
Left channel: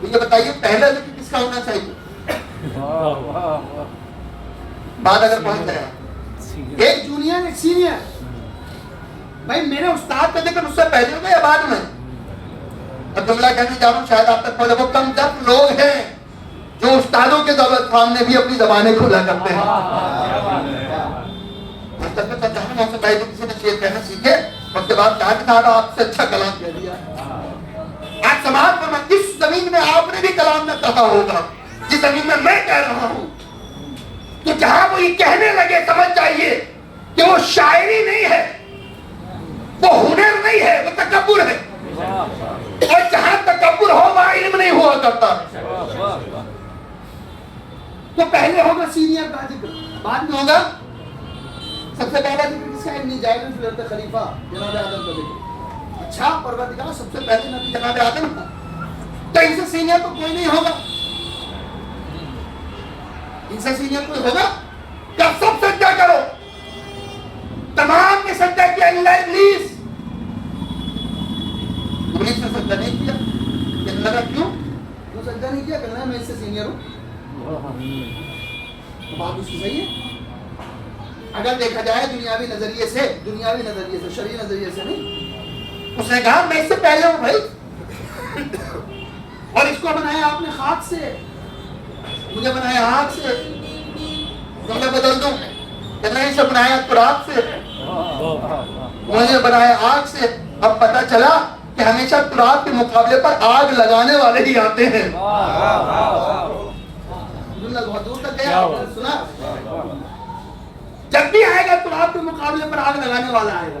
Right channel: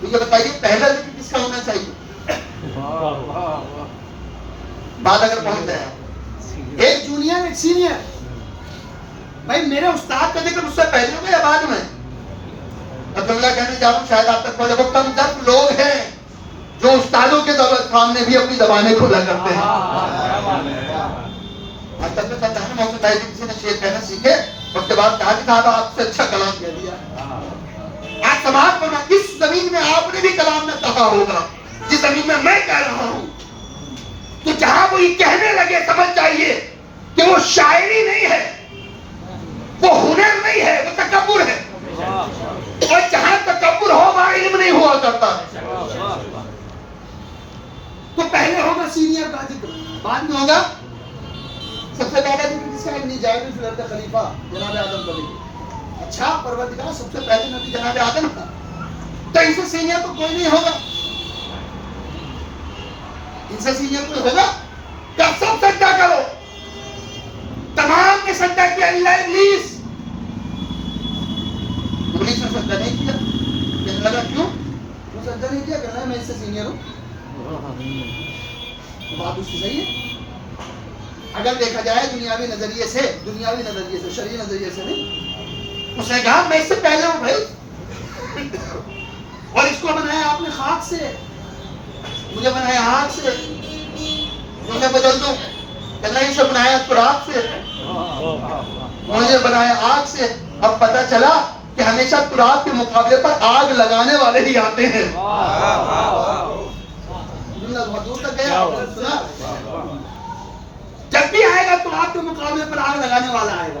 تو یہ بتائیے پہلا ذکر کس کا ہونا چاہیے؟ بات اگر پہنچ جائے ایک جونیئر ایک سینئر. بھائی میرے استاد کا ذکر اس سے پہلے ہو گیا یا بعد میں؟ اور جملہ کہنے جا رہا ہوں, شاید آپ تک پڑھے, وہ کم تر لوگ ہیں جو استادوں کے دولت خان میں بھی اپنی زبانیں کھولا کرتے ہیں. آج تک میں سمجھا ہوں محسن بھائی کسی نے شعر کہنا سیکھے, اس کے بعد کہا کہ صاحب آپ سے اچھا کلام کہہ دیا. آج سماعت کرنا, کس زمین میں آپ نے بھی کلام نہ کہا ہوگا جس زمین میں میں کہہ رہا ہوں. تو جہاں وہ یہ کہنے لگے سمجھ جائیے کہ وہ شاعری نہیں ہے, وہ ہنر نہیں ہے, وہ تکبر ہے. اور جہاں تکبر ہو وہاں علم نہیں ہوا کرتا. تو پہلے ہوگا سینئر کا ذکر, بعد میں ہوگا سب سے پہلا ذکر کس کا؟ انی جاعل فی الارض خلیفہ, جناب آدم کا ذکر. اچھا پروردگار سب سے پہلے نبی جناب آدم کا, تو ان سے سینئر تو کوئی نہیں ہوگا. ان سے سینئر کوئی ہوگا کیا؟ سب سجدہ کرو. تمام نے سجدہ کیا اللہ ابلیس. ابلیس نے سجدہ نہیں کیا. کہنے لگا کیوں سجدہ نہیں کیا؟ کہنا ہے میں اس سے سینئر ہوں. بات اس کی صحیح ہے اگر دیکھا جائے دنیاوی نظریے سے, شرعی نظریے سے نہیں. اس نے کہا میں اس سے پہلے ہوں بھائی, اور اس کو بنایا آپ نے خاک سے, مجھے بنایا آگ سے. میں بدل دوں, کہنا اسے بنایا تراب سے, مجھے بنایا آگ سے. اب پتہ چلا کہ ہمیشہ تراب کے مقابلے پر آگ لگانے والے ہی آتے ہیں. بہت دور تک گیا, سنا. جب بھی آئے گا تراب کے مقابلے پر آگ لگانے والا آئے گا.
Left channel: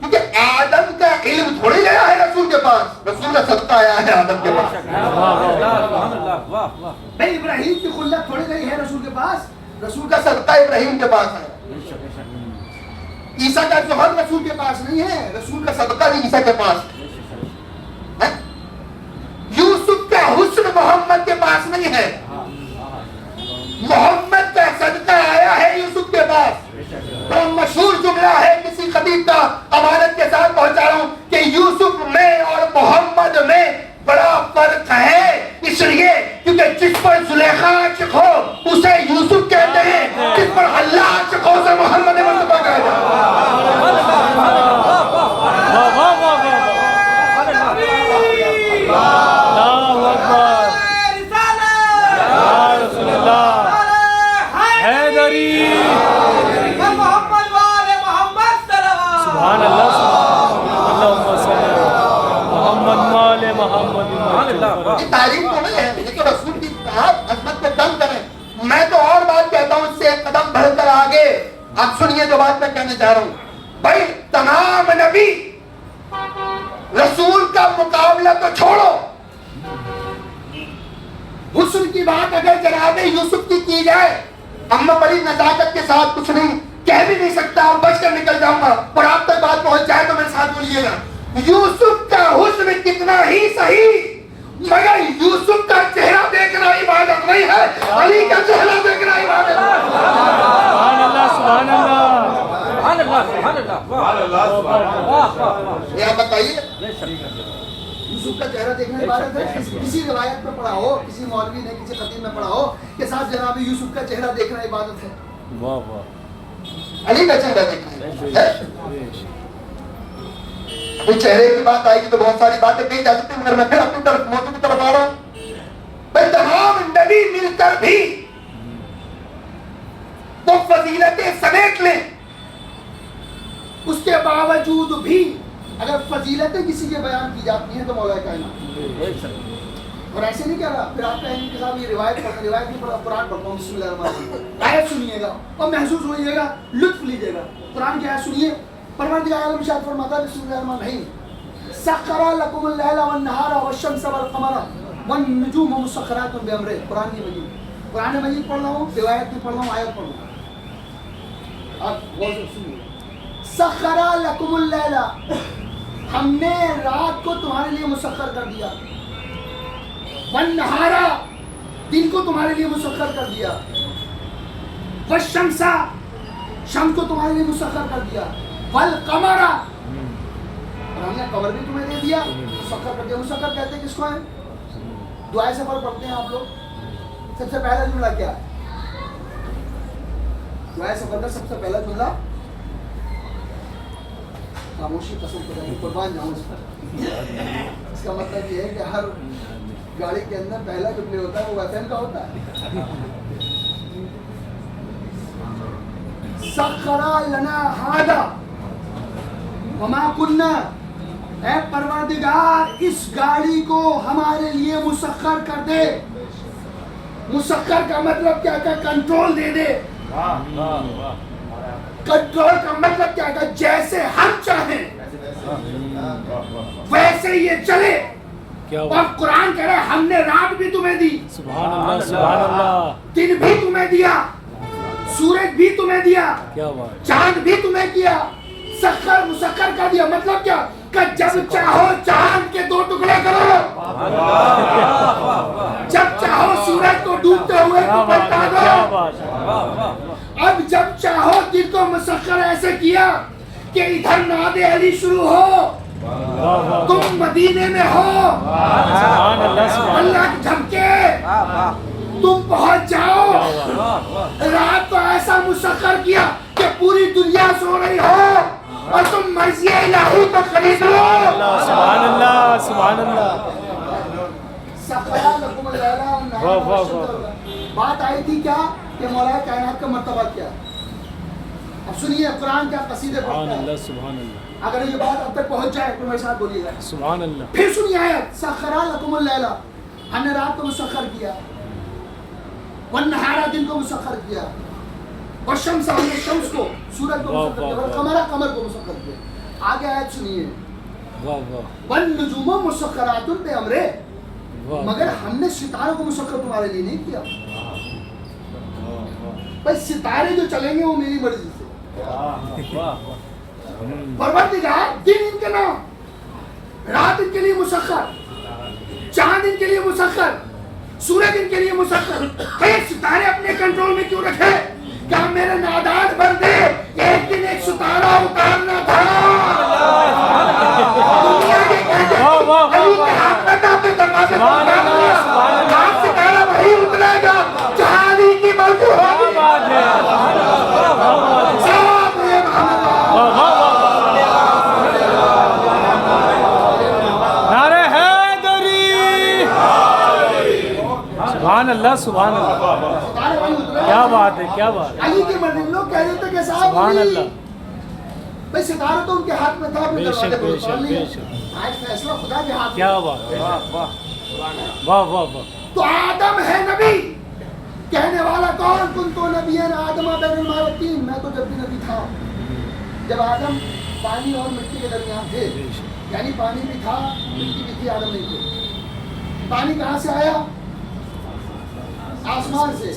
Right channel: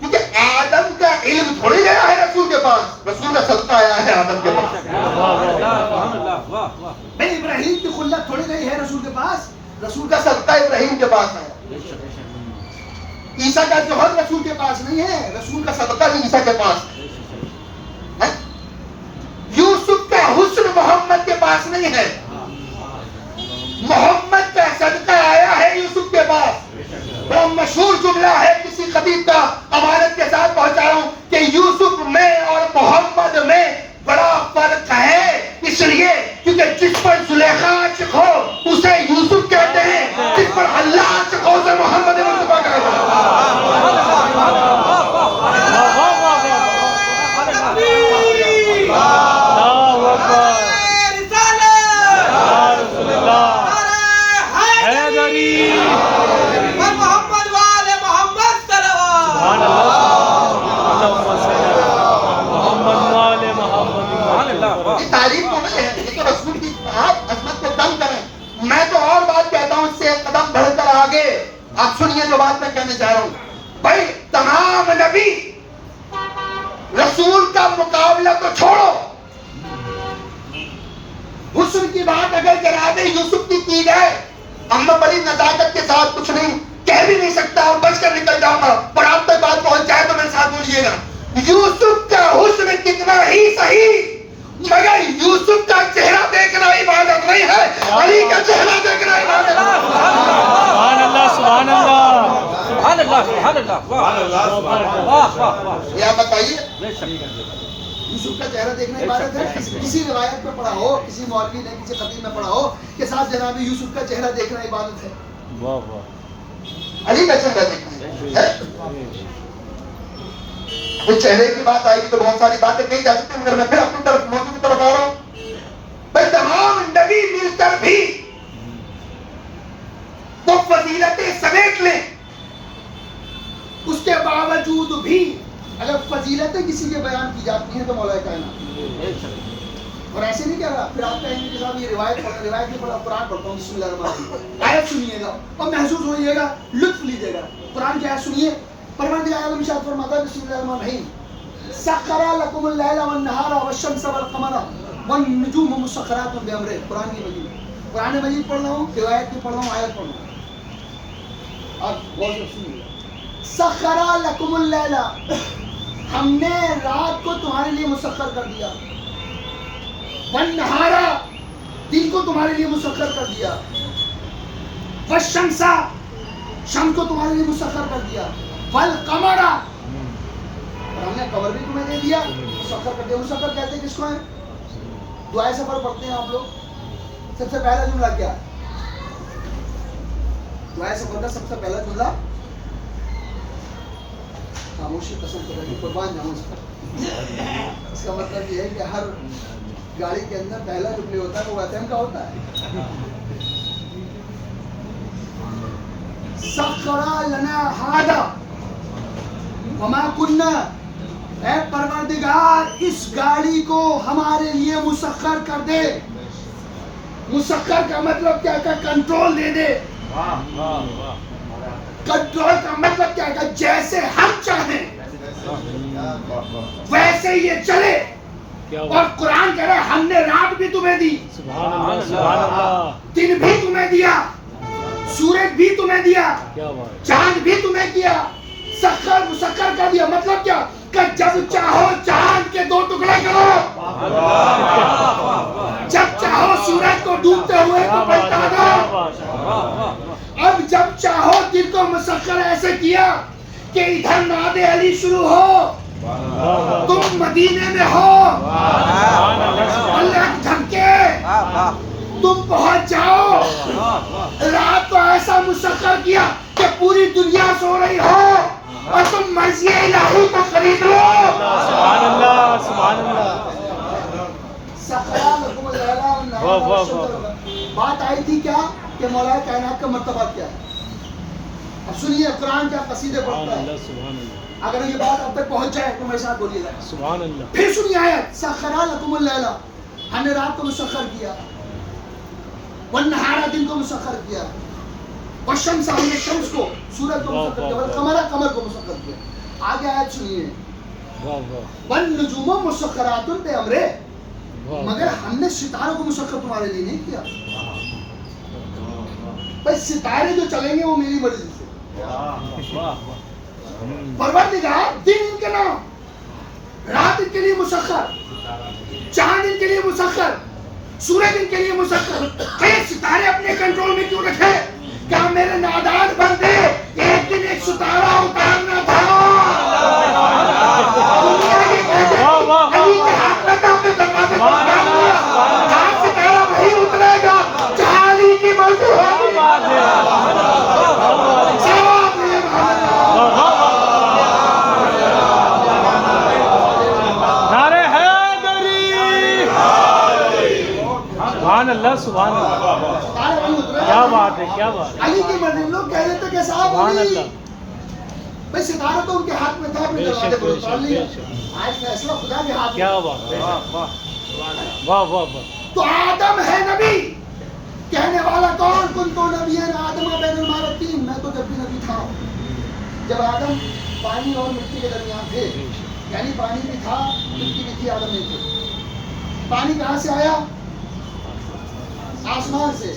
کیونکہ آدم کا علم تھوڑی گیا ہے رسول کے پاس، رسول کا صدقہ آیا ہے آدم کے پاس. بھائی ابراہیم کی خلت تھوڑی گئی ہے رسول کے پاس، رسول کا صدقہ ابراہیم کے پاس آیا. عیسیٰ کا ظہر رسول کے پاس نہیں ہے، رسول کا صدقہ بھی عیسیٰ کے پاس ہے. یوسف کا حسن محمد کے پاس نہیں ہے، محمد کا صدقہ آیا ہے یوسف کے پاس. وہ مشہور جملہ ہے کسی خطیب کا، امانت کے ساتھ پہنچا رہا ہوں، کہ یوسف میں اور محمد میں بڑا فرق ہے، اس لیے کیونکہ جس پر زلیخا عاشق ہو اسے یوسف کہتے ہیں، جس پر اللہ عاشق ہو اسے محمد مصطفیٰ کہتے ہیں. تعریف تو نہیں ہے، یہ تو رسول کی آپ عظمت کو دم کریں. میں تو اور بات کہتا ہوں اس سے ایک قدم بڑھ کر آگے. آپ سنیے جو بات میں کہنے جا رہا ہوں. بھائی تمام نبی رسول کا مقابلہ تو چھوڑو، حسن کی بات اگر جناب یوسف کی جائے، اب میں بڑی نزاکت کے ساتھ کچھ نہیں کہہ بھی نہیں سکتا اور بچ کر نکل جاؤں گا، اور آپ تک بات پہنچ جائے تو میرے ساتھ بولیے گا. یوسف کا حسن کتنا ہی صحیح، مگر یوسف کا چہرہ دیکھنا عبادت نہیں ہے، علی کا چہرہ دیکھنا عبادت ہے. سبحان اللہ سبحان اللہ سبحان اللہ سبحان اللہ. یہ آپ بتائیے یوسف کا چہرہ دیکھنا عبادت ہے؟ کسی روایت میں پڑھا ہو، کسی مولوی نے کسی خطیب میں پڑھا ہو کہ ساتھ جناب یوسف کا چہرہ دیکھنا عبادت ہے؟ واہ واہ. علی کا چہرہ دیکھنا ہے. چہرے کی بات آئے گی تو بہت ساری باتیں کہی جا سکتی ہیں، مگر میں پھر اپنی طرف موضوع کی طرف آ رہا ہوں. بھائی تمام نبی مل کر بھی وہ فضیلتیں سمیٹ لیں، اس کے باوجود بھی اگر فضیلتیں کسی کے بیان کی جاتی ہیں تو مولا کائنات. اور ایسے نہیں کہہ رہا، پھر آپ کہیں گے کہ صاحب یہ روایت نہیں پڑھا، قرآن پڑھتا ہوں. بسم اللہ الرحمن الرحیم. آیت سنیے گا اور محسوس ہوئیے گا، لطف لیجیے گا. قرآن کی آیت سنیے. پروردگار عالم ارشاد فرماتا ہے بسم اللہ الرحمن الرحیم: سخر لکم اللیل والنہار والشمس والقمر والنجوم مسخرات بامرہ. قرآن کی مجید، قرآن مجید پڑھ رہا ہوں، روایت بھی پڑھ رہا ہوں، آیت پڑھ رہا ہوں. اب غور سے سنیے. سخر لکم اللیل، ہم نے رات کو تمہارے لیے مسخر کر دیا، والنہار، دن کو تمہارے لیے مسخر کر دیا، والشمس، شمس کو تمہارے لیے مسخر کر دیا، والقمر، اور ہم نے قمر بھی تمہیں دے دیا، مسخر کر دیا. مسخر کہتے ہیں کس کو ہے؟ دعائے سفر پڑھتے ہیں آپ لوگ. سب سے پہلا جملہ کیا ہے دعائے سفر کا؟ سب سے پہلا جملہ خاموشی قسم خدا کی قربان جاؤں اس پر. اس کا مطلب یہ ہے کہ ہر گاڑی کے اندر پہلا جو پلے ہوتا ہے وہ ایف ایم کا ہوتا ہے. سخر لنا ہذا وما کننا، اے پروردگار اس گاڑی کو ہمارے لیے مسخر کر دے. مسخر کا مطلب کیا ہے؟ کنٹرول دے دے. کنٹرول کا مطلب کیا ہے؟ جیسے ہم چاہیں ویسے یہ چلے. اور قرآن کہہ رہا ہے ہم نے رات بھی تمہیں دی، سبحان اللہ سبحان اللہ. دن بھی تمہیں دیا، سورج بھی تمہیں دیا، کیا بات. چاند بھی تمہیں کیا. سخر مسخر کر دیا مطلب کیا؟ کہ جب چاہو چاند کے 2 ٹکڑے کرو، جب چاہو سورج کو ڈوبتے ہوئے کو پلٹا دو. اب جب چاہو دن کو مسخر ایسے کیا کہ ادھر ناد علی شروع ہو، تم مدینے میں ہو، اللہ کی دھمکے تم پہنچ جاؤ. رات کو ایسا مسخر کیا کہ پوری دنیا سو رہی ہو اور تم مرضی الہی کو خرید لو. سبحان اللہ سبحان اللہ. بات آئی تھی کیا کہ مولا کائنات کا مرتبہ کیا ہے. اب سنیے قرآن کیا قصیدے سبحان پڑھتا ہے. اللہ سبحان اللہ اگر یہ بات اب تک پہنچ جائے تو میرے ساتھ بولیے گا. سبحان اللہ. پھر سنیے آیت: سخر لکم اللیل، ہم نے رات کو مسخر کیا، والنہار، دن کو مسخر کیا، والشمس، ہم نے شمس کو، سورج کو مسخر کیا، والقمر، قمر کو مسخر کیا. آگے آیت سنیے واہ واہ والنجوم مسخرات بامرہ، واہ مگر ہم نے ستاروں کو مسخر تمہارے لیے نہیں کیا. بھائی ستارے جو چلیں گے وہ میری مرضی سے. پروردگار دن ان کے نام، رات ان کے لیے مسخر، چاند ان کے لیے مسخر، سورج ان کے لیے مسخر. بھائی ستارے اپنے کنٹرول میں کیوں رکھے؟ کیا میرے نادان بندے ایک دن ایک ستارہ اتارنا تھا؟ دنیا یہ کہتے ہیں علی کے ہاتھ میں تھا، اپنے دروازے پر اتار دیا. آج ستارہ وہی اترے گا جہاں علی کی مرضی ہوگی. ثواب یہ محمد نعرہ حیدری سبحان اللہ سبحان اللہ ستارے وہی اترے کیا گا. بات ہے کیا بات ہے علی کی مرضی. لوگ کہہ دیتے کہ صاحب سبحان علی، اللہ بھائی ستارہ تو ان کے ہاتھ میں تھا، اپنے بے دروازے شک، پر بے اتار شک، لیا. بے شک. آج فیصلہ خدا کے ہاتھ میں. کیا بات ہے واہ واہ واہ تو آدم ہے نبی، کہنے والا کون؟ کن تو نبی ہے آدم بین الماء والطین. میں تو جب بھی نبی تھا جب آدم پانی اور مٹی کے درمیان تھے، یعنی پانی بھی تھا مٹی بھی تھی، آدم نہیں تھے. پانی کہاں سے آیا؟ آسمان سے.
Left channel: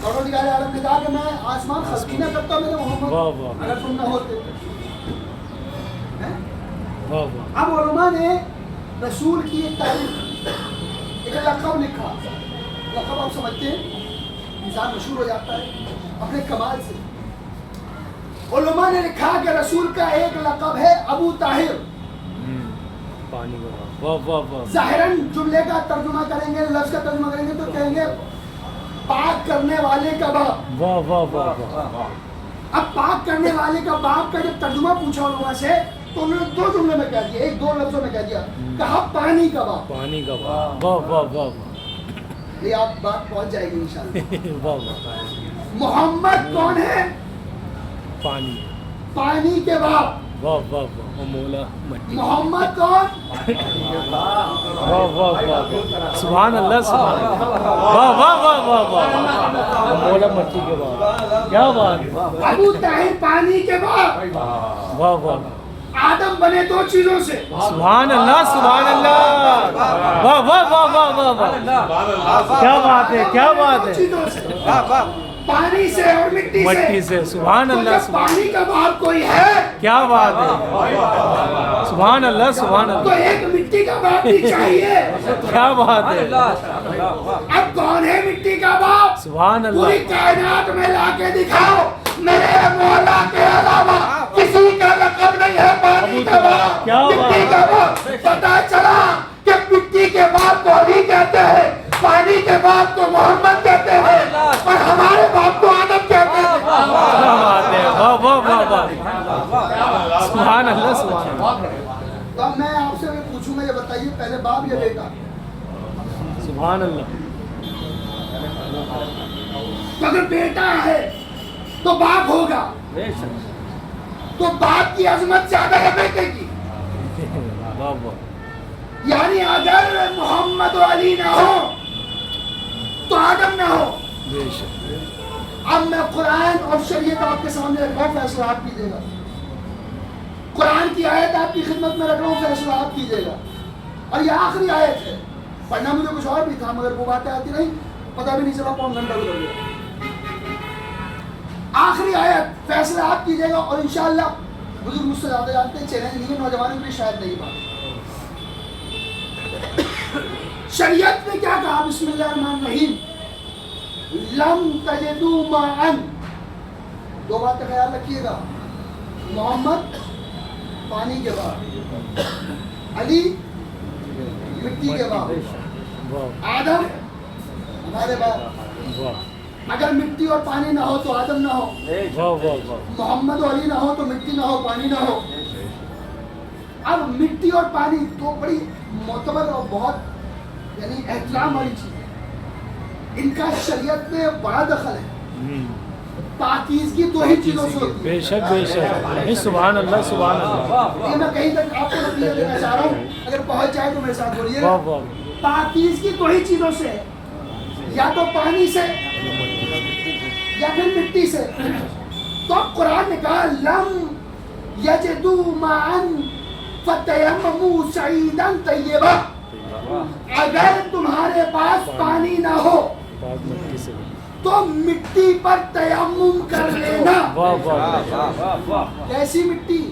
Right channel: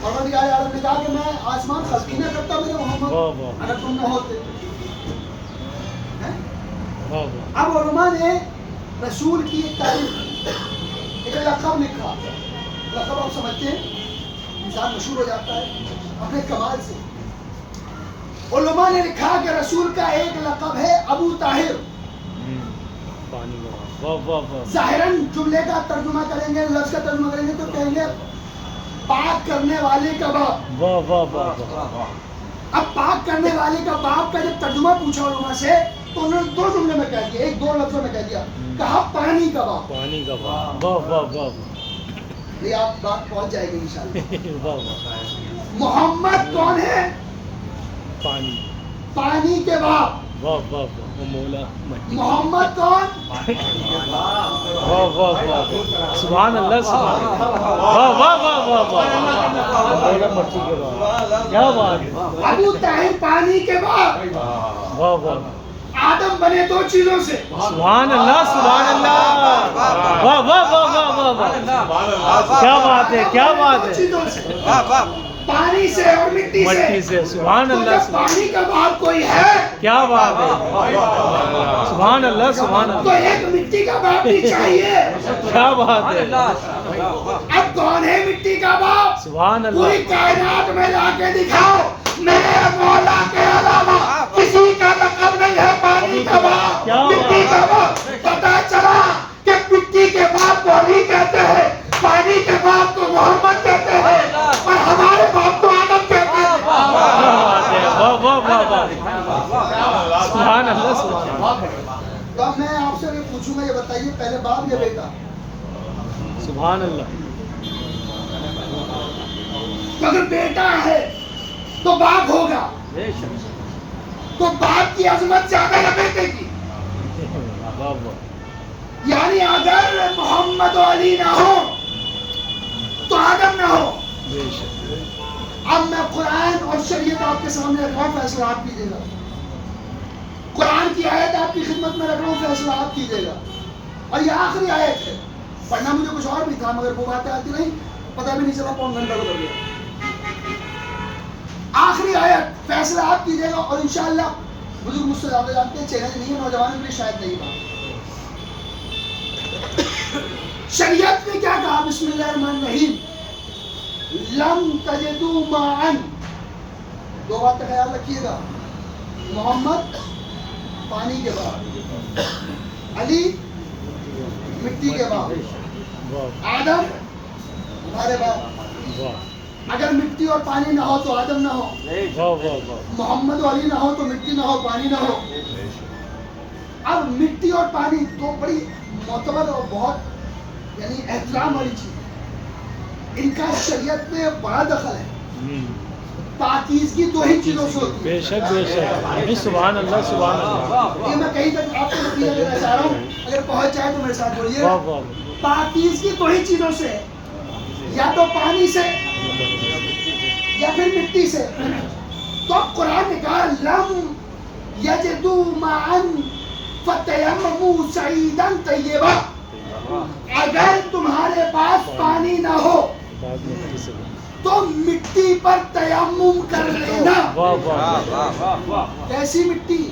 پروردگار عالم نے کہا کہ میں آسمان خلق ہی نہ کرتا میرے محمد واہ واہ اگر تم نہ ہوتے. ہیں؟ واہ واہ اب علماء نے رسول کی ایک تعریف، ایک لقب لکھا. لقب آپ سمجھتے ہیں انسان مشہور ہو جاتا ہے اپنے کمال سے. علماء نے لکھا کہ رسول کا ایک لقب ہے ابو طاہر. پانی کا واہ واہ واہ ظاہراً جملے کا ترجمہ کریں گے، لفظ کا ترجمہ کریں گے تو کہیں گے پاک کرنے والے کا باپ. واہ واہ واہ واہ اب پاک کرنے والے کا باپ کا جب ترجمہ پوچھا علماء سے تو انہوں نے دو جملے میں کہہ دیا، ایک دو لفظوں میں کہہ دیا. کہا پانی کا باپ. پانی کا واہ واہ واہ واہ یہ آپ بات پہنچ جائے گی انشاءاللہ. واہ واہ محمد کون ہے؟ پانی پانی کے باپ. واہ واہ واہ مولا مٹی محمد کون؟ واہ واہ واہ سبحان اللہ سبحان اللہ واہ واہ واہ واہ واہ مولا مٹی کے بعد کیا بات ہے ابو طاہر پانی کے باپ. واہ واہ آدم بنے دو چیزوں سے. سبحان اللہ سبحان اللہ واہ واہ واہ واہ واہ واہ کیا بات ہے کیا بات دو ہے چیزوں سے، پانی سے اور مٹی مٹی سے. سے سبحان تو اللہ جب سبحان پانی کا باپ کوئی ہے کیا بات ہے سبحان اللہ سبحان تو اللہ ایک مٹی کا باپ بھی چاہیے. کیا بات ہے اب کون ہے مٹی کا باپ؟ سبحان پوری اللہ کائنات میں لا کے دکھاؤ میرے مولا کے علاوہ کسی کا لقب نہیں ہے پانی کا باپ. کیا بات مٹی کا باپ. پتا چلا کہ مٹی کے باپ کو علی کہتے ہیں، پانی کے باپ کو محمد کہتے ہیں، اور ہمارے باپ کو آدم کہتے ہیں. کیا بات ہے واہ واہ واہ واہ سبحان اللہ سبحان اللہ تو اب میں آپ سے یہ پوچھوں گا، یہ بتائیے پہلے باپ یا بیٹا؟ سبحان اللہ تو اگر بیٹا ہے تو باپ ہوگا، تو باپ کی عظمت زیادہ ہے بیٹے کی. واہ واہ یعنی اگر محمد و علی نہ ہو تو آدم نہ ہو. بے شک اب میں قرآن اور شریعت آپ کے سامنے رکھ رہا ہوں، فیصلہ آپ کیجیے گا. قرآن کی آیت آپ کی خدمت میں رکھ رہا ہوں، فیصلہ آپ کیجیے گا. اور یہ آخری آیت ہے. پڑھنا مجھے کچھ اور بھی تھا مگر وہ باتیں آتی نہیں، پتہ بھی نہیں چلا، پون گھنٹہ گزر گیا. آخری آیت، فیصلہ آپ کیجیے گا. اور انشاءاللہ بزرگ مجھ سے زیادہ جانتے ہیں، چیلنج نہیں ہے، نوجوانوں کے لیے شاید نہیں بات. شریعت نے کیا کہا؟ بسم اللہ الرحمن الرحیم. لم تجدوا معا. دو بات کا خیال رکھیے گا. محمد پانی کے باپ، علی مٹی کے باپ، آدم ہمارے باپ. واہ اگر مٹی اور پانی نہ ہو تو آدم نہ ہو، واہ واہ واہ محمد و علی نہ ہو تو مٹی نہ ہو، پانی نہ ہو. اب مٹی اور پانی تو بڑی معتبر اور بہت یعنی احترام والی چیز ہے. ان کا شریعت میں بڑا دخل ہے. پاکیزگی دو ہی چیزوں سے ہوتی ہے. بے شک بے شک سبحان اللہ سبحان اللہ یہ میں کہیں تک آپ کو نتیجہ دینا چاہ رہا ہوں، اگر پہنچ جائے تو میرے ساتھ بولیے. واہ واہ پاکیزگی دو ہی چیزوں سے ہے، یا تو پانی سے یا پھر مٹی سے. تو اب قرآن نے کہا لم یجدوا معا فتیمموا سعیدا طیبا، اگر تمہارے پاس پانی نہ ہو تو مٹی پر تیمم کر لینا. کیسی مٹی؟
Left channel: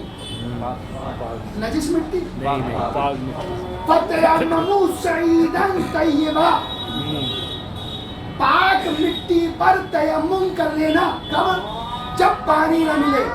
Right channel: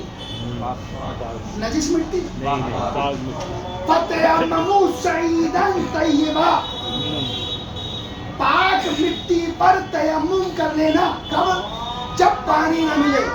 نجس مٹی. فتیمموا سعیدا طیبا، پاک مٹی پر تیمم کر لینا. کب؟ جب پانی نہ ملے.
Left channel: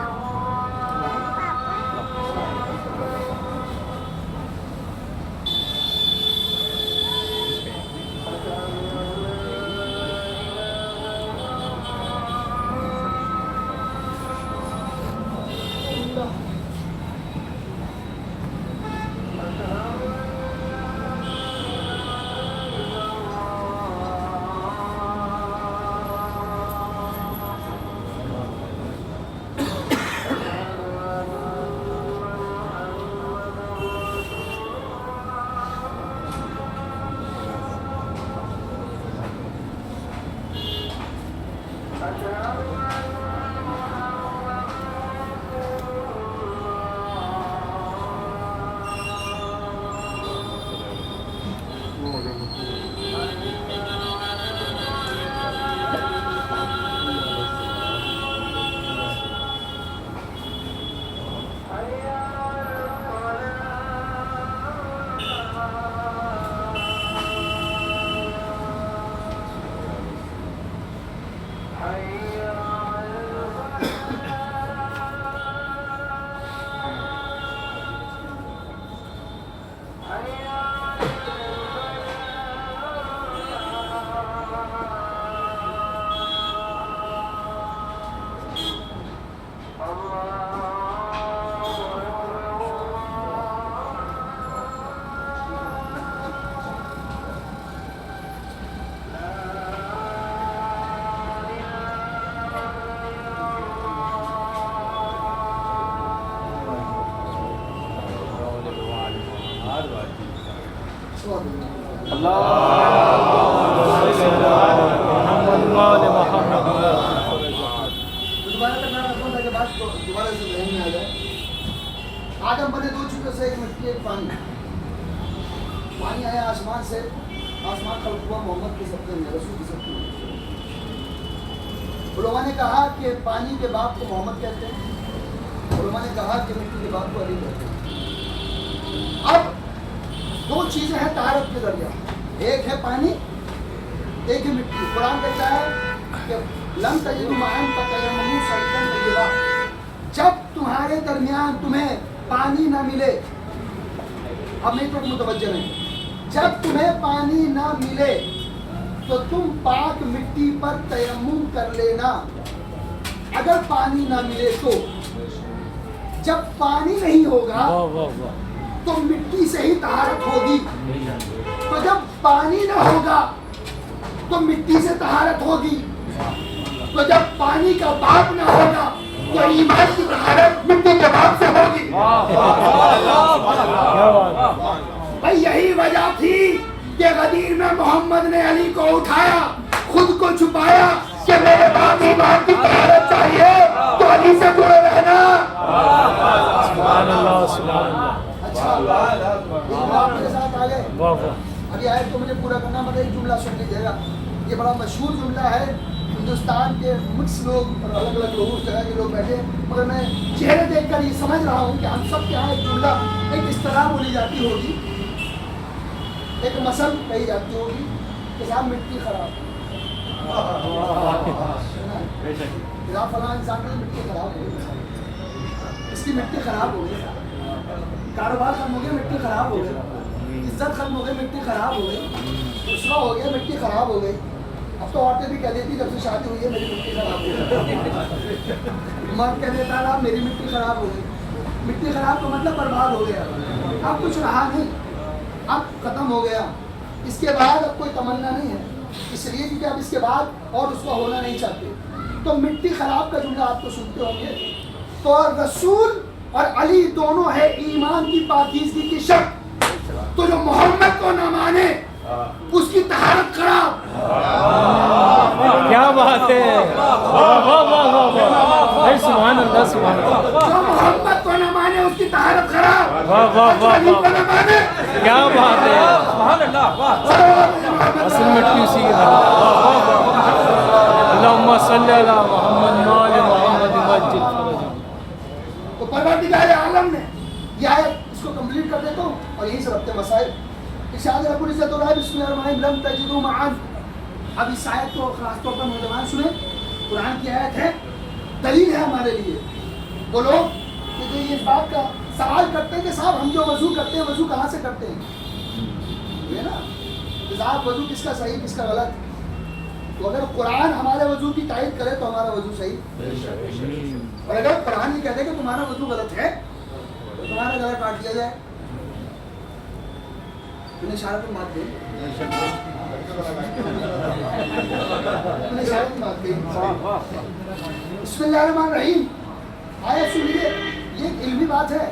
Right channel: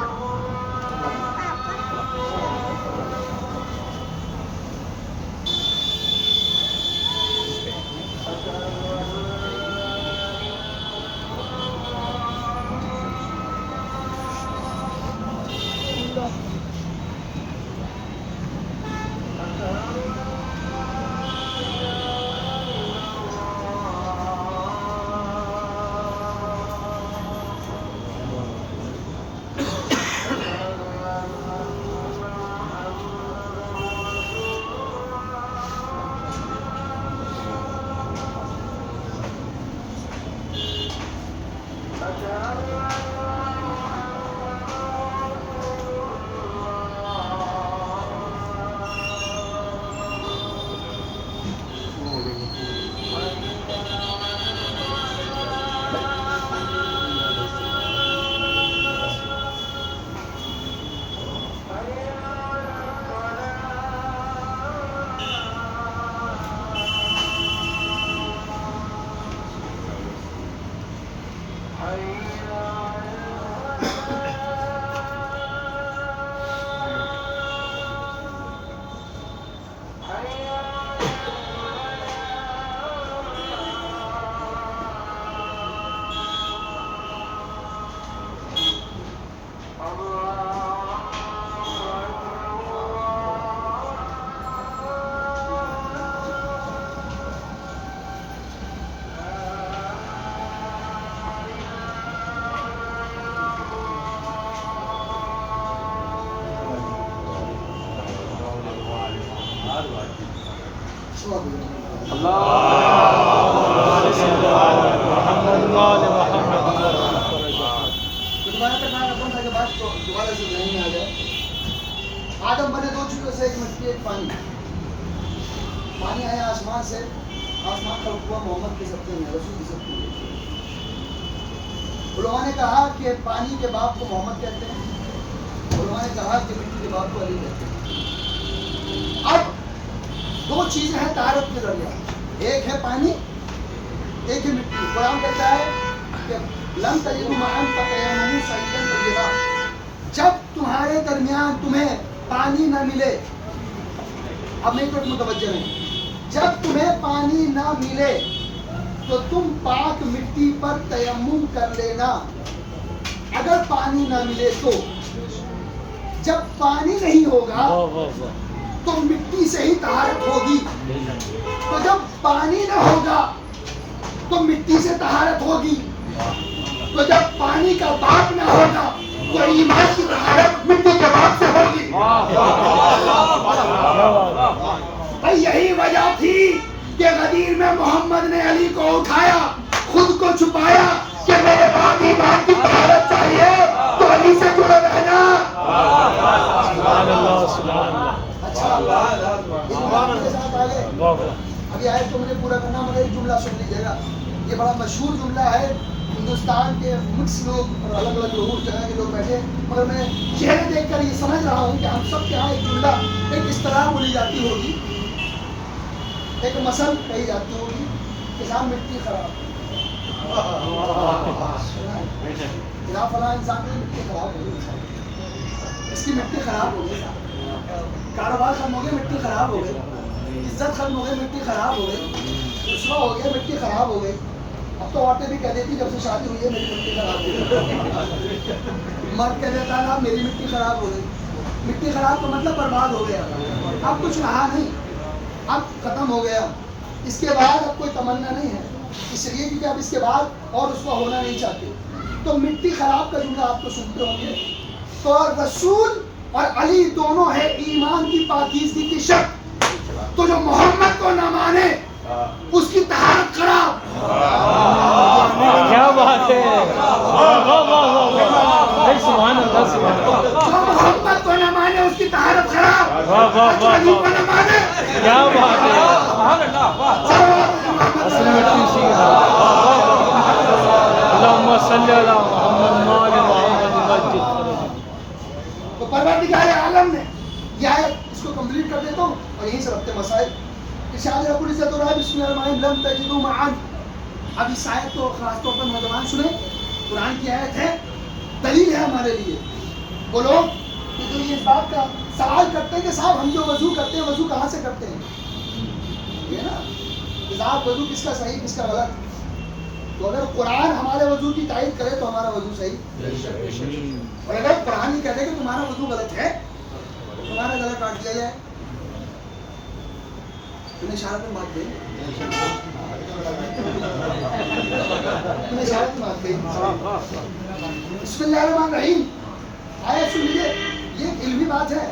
دوبارہ سے ذہن میں آ جائے. آدم بنے دو چیزوں سے، ایک مٹی ایک پانی. پانی آیا آسمان سے، آسمان خلق ہوا محمد کے سب سے رسول کی سب کی. علماء نے کہا کہ پانی کے باپ کو محمد کہتے ہیں، علماء نے کہا کہ مٹی کے باپ کو علی کہتے ہیں. اب دو چیزیں ہیں طہارت کے ذریعہ، ایک ہے پانی، ایک ہے مٹی. قرآن کہتا ہے کہ لم تجدوا معا فتیمموا سعیدا طیبا، جب تمہارے درمیان تمہیں پانی نہ ملے. اب میری طرف متوجہ نہیں. جب تمہیں پانی نہ ملے تو تم پاک مٹی پر تیمم کر لینا. اگر پانی نہ ملے تو، جب پانی نہیں ہوگا تو مٹی سے ہی طہارت ہوگی. تو جب پانی نہ ہوگا تو مٹی سے طہارت ہوگی. تو جب پانی کا باپ نہ ہوگا تو ایمان کی طہارت مٹی کے باپ سے ہوگی. بھائی یہی وجہ تھی کہ غدیر میں محمد نے علی کو اٹھایا، خود کو چھپایا کہ میرے بعد ایمان کی طہارت چاہیے تو علی سے جڑے رہنا. اچھا میرے ساتھ آ گئے. ابھی آئے تو مجھے پورا کرنا، مگر ایک جملہ سن لیجیے گا. یہ بڑا مشہور جملہ ہے، ہندوستان کے مکس لوگ اور الگ الگ لوگ جگہ کے لوگ بیٹھے، مگر میں چہرے دیکھ کر یہ سمجھ رہا ہوں کہ ہم سب کے یہاں ایک جملہ ایک اس طرح بولی جاتی ہوگی، ایک مثل کہی جاتی ہوگی کہ صاحب مٹی خراب، فلاں انسان کی مٹی خراب ہو گئی، اس کی مٹی خراب ہو گئی، کاروبار ختم ہو گیا مٹی خراب ہو گئی، عزت ختم ہو گئی مٹی خراب ہو گئی، رسوا ہو گیا مٹی خراب ہو گئی. اب تو عورتیں بھی کہہ دیتی جب سے شادی ہوئی ہے میری مٹی خراب ہو گئی. مرد کہہ دیتا ہے میری مٹی خراب ہو گئی. مٹی خراب کا مطلب برباد ہو گیا، اب کچھ رہا نہیں، اب ختم ہو گیا. اس کے بعد اب کوئی تمنا نہیں ہے، اس لیے کیونکہ اب اس کے بعد اور رسوا ہونا نہیں چاہتے. تو مٹی خراب کا جملہ آپ تو سنتے ہوں گے. تو رسول اور علی دونوں ہے ایمان کی پاکیزگی کی شرط. تو جو محمد کو نہ مانے اس کی طہارت خراب. کیا بات ہے، واہ واہ واہ واہ واہ، سبحان اللہ سبحان اللہ، جو محمد کو نہ مانے اس کی طہارت خراب، واہ واہ واہ علی کو نہ مانے کیا بات ہے، سبحان اللہ، واہ اصل میں اسی کے بعد اللہم صلی علی محمد وآل محمد مسجد فرج۔ تو پروردگار عالم نے یہ آیت اس کو کمپلیٹ کر دیتا ہوں اور یہیں سے ربط مسائل ارشاد رب العزت اور بسم اللہ الرحمن الرحیم لم تجدوا معان۔ اب اس آیت کو خاص طور پر نوجوان سنیں، قرآن کی آیت ہے، دلیل ہے ہمارے لیے۔ وہ لوگ کہ جو یہ اس بات کا سوال کرتے ہیں کہ صاحب ہم جو وضو کرتے ہیں وضو کہاں سے کرتے ہیں، یہ نا کہ صاحب وضو کس کا صحیح کس کا غلط، تو اگر قرآن ہمارے وضو کی تائید کرے تو ہمارا وضو صحیح، اور اگر قرآن یہ کہتے کہ تمہارا وضو غلط ہے تو تمہارا گلا کاٹ دیا جائے۔ تم نے اشارہ پہ بات کہی، تم نے اشارہ پہ بات کہی۔ بسم اللہ الرحمن الرحیم آیت سن لیجیے، یہ ایک علمی بات ہے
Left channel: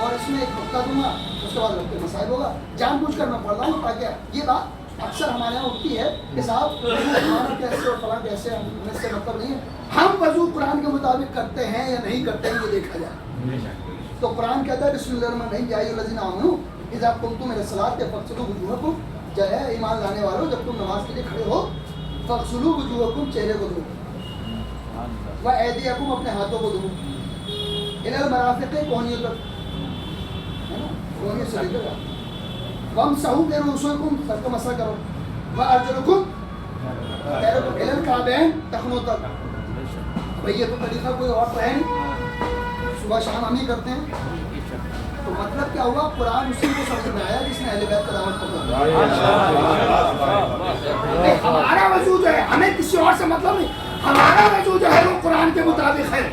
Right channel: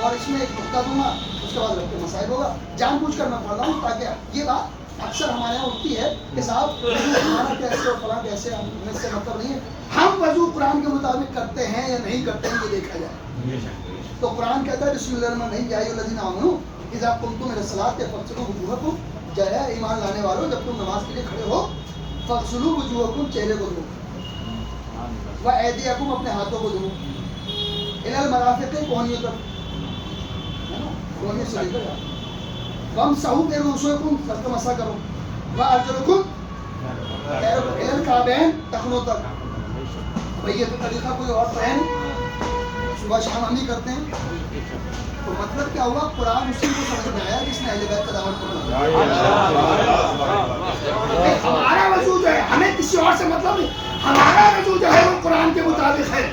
اور اس میں ایک نقطہ دوں گا، اس کے بعد ربط مسائل ہوگا۔ جان بوجھ کر میں پڑھ رہا ہوں تاکہ یہ بات اکثر ہمارے یہاں اٹھتی ہے کہ صاحب ہمارا کیسے اور فلاں کیسے، ہمیں اس سے مطلب نہیں ہے، ہم وضو قرآن کے مطابق کرتے ہیں یا نہیں کرتے ہیں یہ دیکھا جائے۔ تو قرآن کہتا ہے بسم اللہ الرحمن الرحیم یا ایھا الذین آمنوا اذا قمتم الی الصلاۃ فاغسلوا وجوہکم، جو ہے ایمان لانے والوں جب تم نماز کے لیے کھڑے ہو فاغسلوا وجوہکم، چہرے کو دھو، وایدیکم، اپنے ہاتھوں کو دھو، الی المرافق، کونیوں تک، ہے نا، کونیوں سے لے کر وامسحوا برؤوسکم، سر کا مسح کرو، وارجلکم، پیروں کو الی الکعبین، ٹخنوں تک۔ بھئی یہ تو طریقہ کوئی اور تو ہے نہیں، صبح شام ہم ہی کرتے ہیں، تو مطلب کیا ہوا، قرآن اسی کو سمجھ میں آیا جس نے اہل بیت کا دعوت پکڑا۔ ہمارا وضو جو ہے ہمیں کسی اور سے مطلب نہیں، ہمارا وضو جو ہے وہ قرآن کے مطابق ہے۔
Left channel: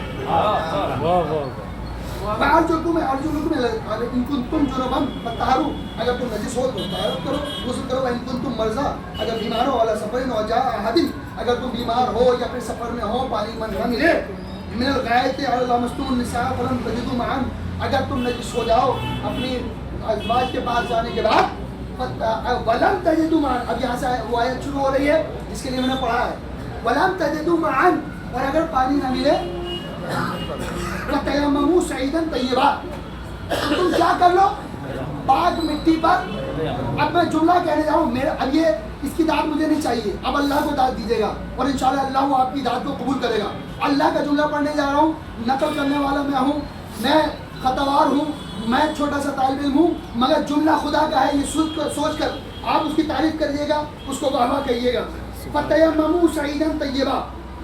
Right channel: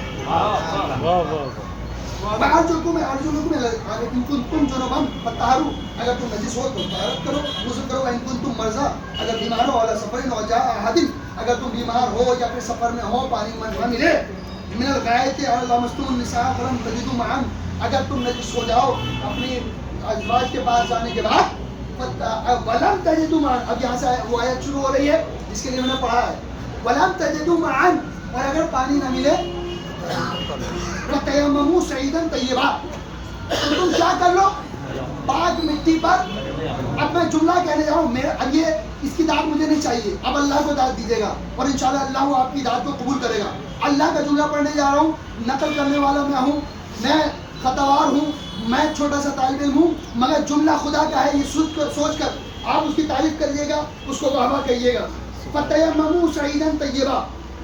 وارجلکم ان کنتم جنبا فطہروا، اگر تم نجس ہو تو طہارت کرو، غسل کرو، ان کنتم مرضی، اگر بیمار ہو، علی سفر او جاء احد، اگر تم بیمار ہو یا پھر سفر میں ہو، پانی نہ ملے، من الغائط اور لامستم النساء فلم تجدوا معا، اگر تم نجس ہو جاؤ اپنی ازواج کے پاس جانے کے بعد، ولم تجدوا معا، اب یہاں سے وہ آیت شروع ہو رہی ہے جس کے لیے میں نے پڑھا ہے، ولم تجدوا معا، اور اگر پانی نہ ملے، وَتَيَمَّمُوا صَعِيدًا طَيِّبًا، تو تم کیا کر لو، پاک مٹی پر۔ اب میں جملہ کہنے جا رہا ہوں، اب یہ اس کی داد مجھے نہیں چاہیے، اب اللہ کو داد دیجیے گا اور انشاءاللہ اللہ وہ آپ کی داد کو قبول کرے گا۔ اللہ کا جملہ پڑھنے جا رہا ہوں، نقل کرنے والا میں ہوں، میں خطاوار ہوں، میں چھوٹا سا طالب علم ہوں، مگر جملہ خدا کا ہے، یہ سوچ کر آپ اس کی تعریف کریے گا، اس کو واہ واہ کہیے گا۔ فَتَيَمَّمُوا صَعِيدًا طَيِّبًا،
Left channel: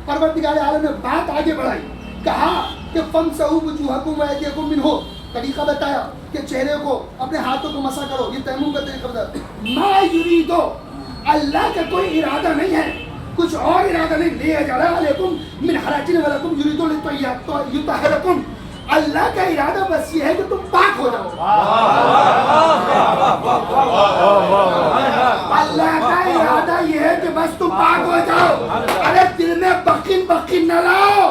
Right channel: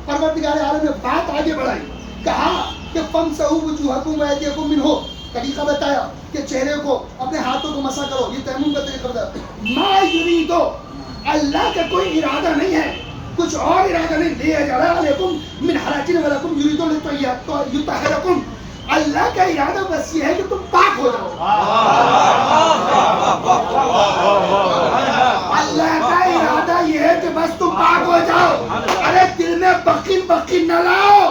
پروردگار عالم نے بات آگے بڑھائی، کہا کہ فَامْسَحُوا وُجُوهَكُمْ وَأَيْدِيَكُمْ مِنْهُ، طریقہ بتایا کہ چہرے کو، اپنے ہاتھوں کو مسح کرو، یہ تیمم کا طریقہ بتایا۔ مَا يُرِيدُ، اللہ کا کوئی ارادہ نہیں ہے، کچھ اور ارادہ نہیں، لِيَجْعَلَ عَلَيْكُمْ مِنْ حَرَجٍ وَلَكُمْ يُرِيدُ لِيُطَهِّرَكُمْ، اللہ کا ارادہ بس یہ ہے کہ تم پاک ہو جاؤ۔ اللہ کا ارادہ یہ ہے کہ بس تم پاک ہو جاؤ، ارے دل میں بخن نہ لاؤ،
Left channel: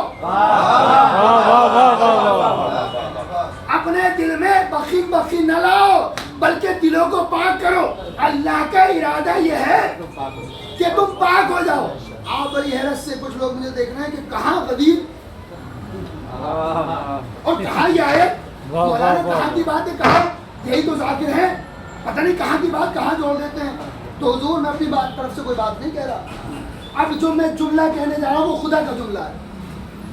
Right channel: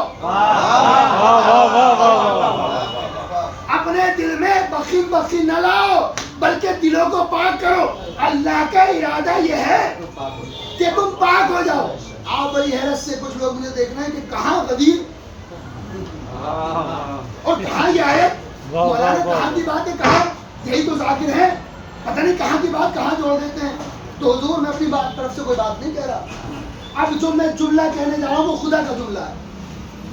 اپنے دل میں بخن نہ لاؤ، بلکہ دلوں کو پاک کرو۔ اللہ کا ارادہ یہ ہے کہ تم پاک ہو جاؤ۔ آپ بڑی حیرت سے کچھ لوگ مجھے دیکھ رہے ہیں کہ کہاں غدیر اور کہاں یہ آیت، مولانا کہاں کی بات ہے، کہاں، یہی تو ذاکر ہیں، پتہ نہیں کہاں کی بات کہاں جوڑ دیتے ہیں۔ تو حضور میں اپنی طرف سے کوئی بات نہیں کہہ رہا، اب جو میں جملہ کہنے جا رہا ہوں وہ خدا کا جملہ ہے،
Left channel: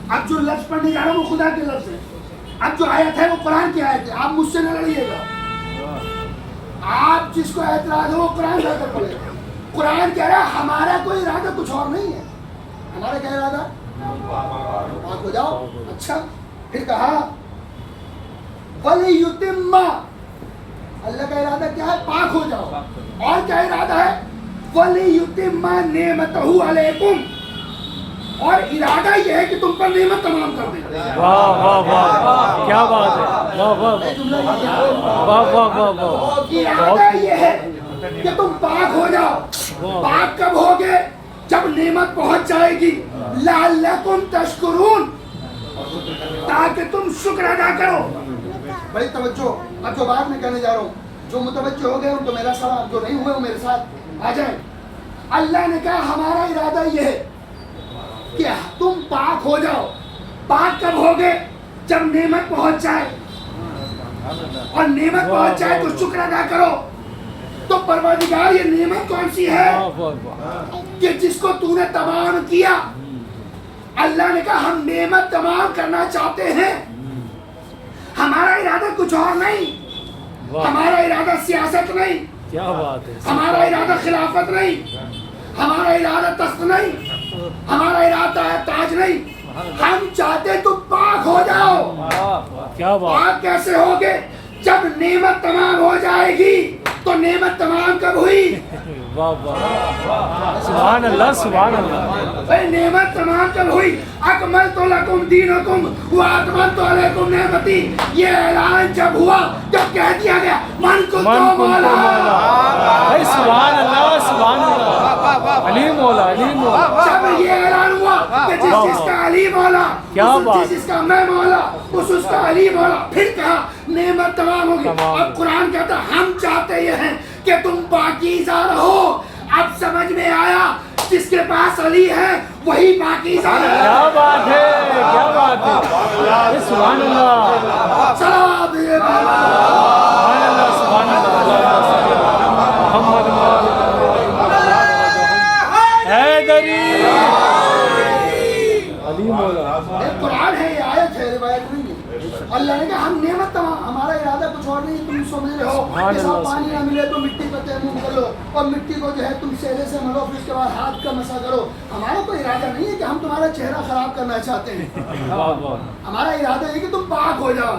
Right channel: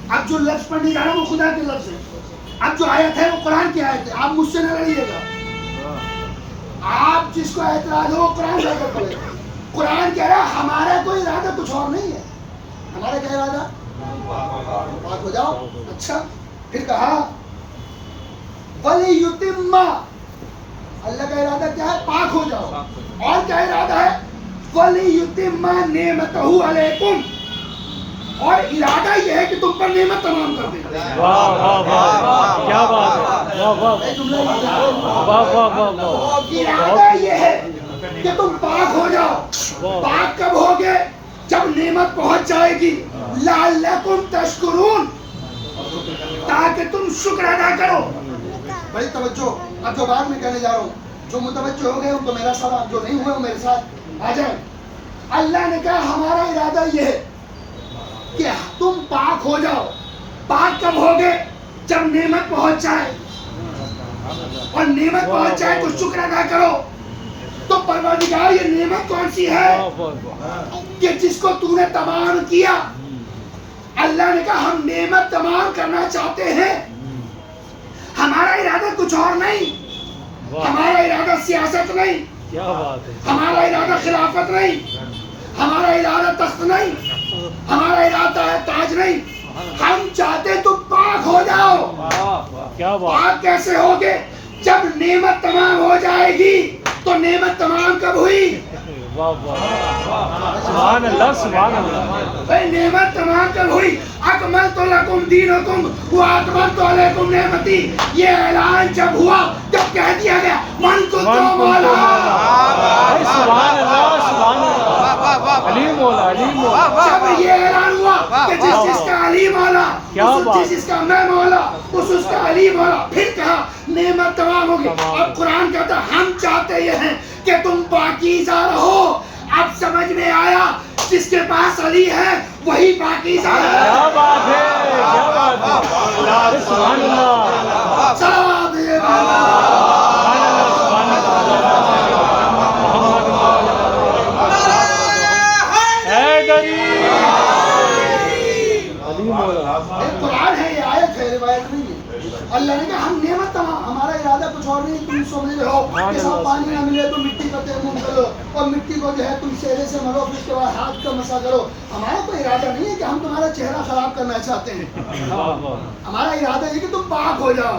اب جو لفظ پڑھنے جا رہا ہوں وہ خدا کے لفظ ہے، اب جو آیت ہے وہ قرآن کی آیت ہے، آپ مجھ سے نہ لڑیے گا، آپ جس کو اعتراض ہو وہ قرآن جا کر پڑھے۔ قرآن کہہ رہا ہے ہمارا کوئی ارادہ کچھ اور نہیں ہے، ہمارا کیا ارادہ، پاک ہو جاؤ۔ اچھا پھر کہا وَلِيُتِمَّ، اللہ کا ارادہ کیا ہے، پاک ہو جاؤ، اور کیا ارادہ ہے، وَلِيُتِمَّ نِعْمَتَهُ عَلَيْكُمْ، اور ارادہ یہ ہے کہ تم پر نعمت تمام کر دے۔ واہ واہ واہ کیا بات ہے، واہ واہ جملہ یہ کیا ہے، واہ واہ واہ واہ، ارادہ یہ ہے کہ تم پاک ہو جاؤ۔ پاک کب ہوگے، جب نعمت پہنچ جائے گی، لعلکم تشکرون، تاکہ تم شکر ادا کرو۔ بڑی توجہ، اب جو بات میں کہنے جا رہا ہوں، جو متوجہ ہو گئے ان کو میرا سلام، جو نہیں ہوئے وہ میرے ساتھ آ جائیں۔ اللہ نے کہا ہمارا ارادہ یہ ہے کہ تم پاک ہو جاؤ. پاک کب ہوگے؟ جب نعمت پہنچ جائے, اور نعمت پہنچ جائے تو شکر ادا کرو. تو پروردگار یہ نعمت کون سی ہے کہ جس کو تو نے تمام کیا؟ اللہ نے کہا ہم نعمت تمام کرنا چاہتے ہیں. ہمارا ارادہ کچھ اور نہیں, ہمارا ارادہ سیاست نہیں, کیا بات ہے, ہمارا ارادہ خلافت نہیں, ہمارا ارادہ تخت نہیں, ہمارا ارادہ ہے تاج نہیں. ہم چاہتے تو پاک ہو جاؤ. کیا بات, پاک کیسے ہوگے؟ جب نعمت تمام ہو جائے گی. تو نعمت تمام کب ہوئی؟ واہ واہ, سبحان اللہ سبحان اللہ. بھائی نعمت تمام کب ہوئی؟ اکملت لکم دینکم واتممت علیکم نعمتی. یہ اعلان جب ہوا, جب کہہ دیا گیا من کنت مولا. سبحان اللہ سبحان اللہ, علی مولا علی مولا. جب یہ اعلان ہوا کہ جس جس کا علی مولا, جس جس کا میں مولا, اس کا علی مولا, پھر کہا نعمت تمام ہوگی. اب قرآن کہتا ہم چاہتے یہ ہیں کہ تم پاکیزہ رہو. اب سمجھ میں آیا جس کے پاس علی ہے وہی پاکیزہ ہے. کیا بات ہے, کیا بات ہے, سبحان اللہ صلوات ہے حیدری علی مولا. قرآن ہے, یہ آیت ہے, روایت نہیں ہے. اللہ نے کہا ہم نعمت تمام, ہمارا ارادہ کچھ اور نہیں. تم سمجھ رہے ہو کہ صاحب پانی نہ ملے تو مٹی کا تیمم کرو, اور مٹی کو جو ہے تم سیرے سے ملو, پھر اس کے بعد ہاتھ کا مسا کرو. ہمارا کوئی ارادہ نہیں ہے کہ ہم تمہارا چہرہ خراب کرنا چاہتے ہیں. ہمارا ارادہ ہے کہ تم پاک ہو جاؤ.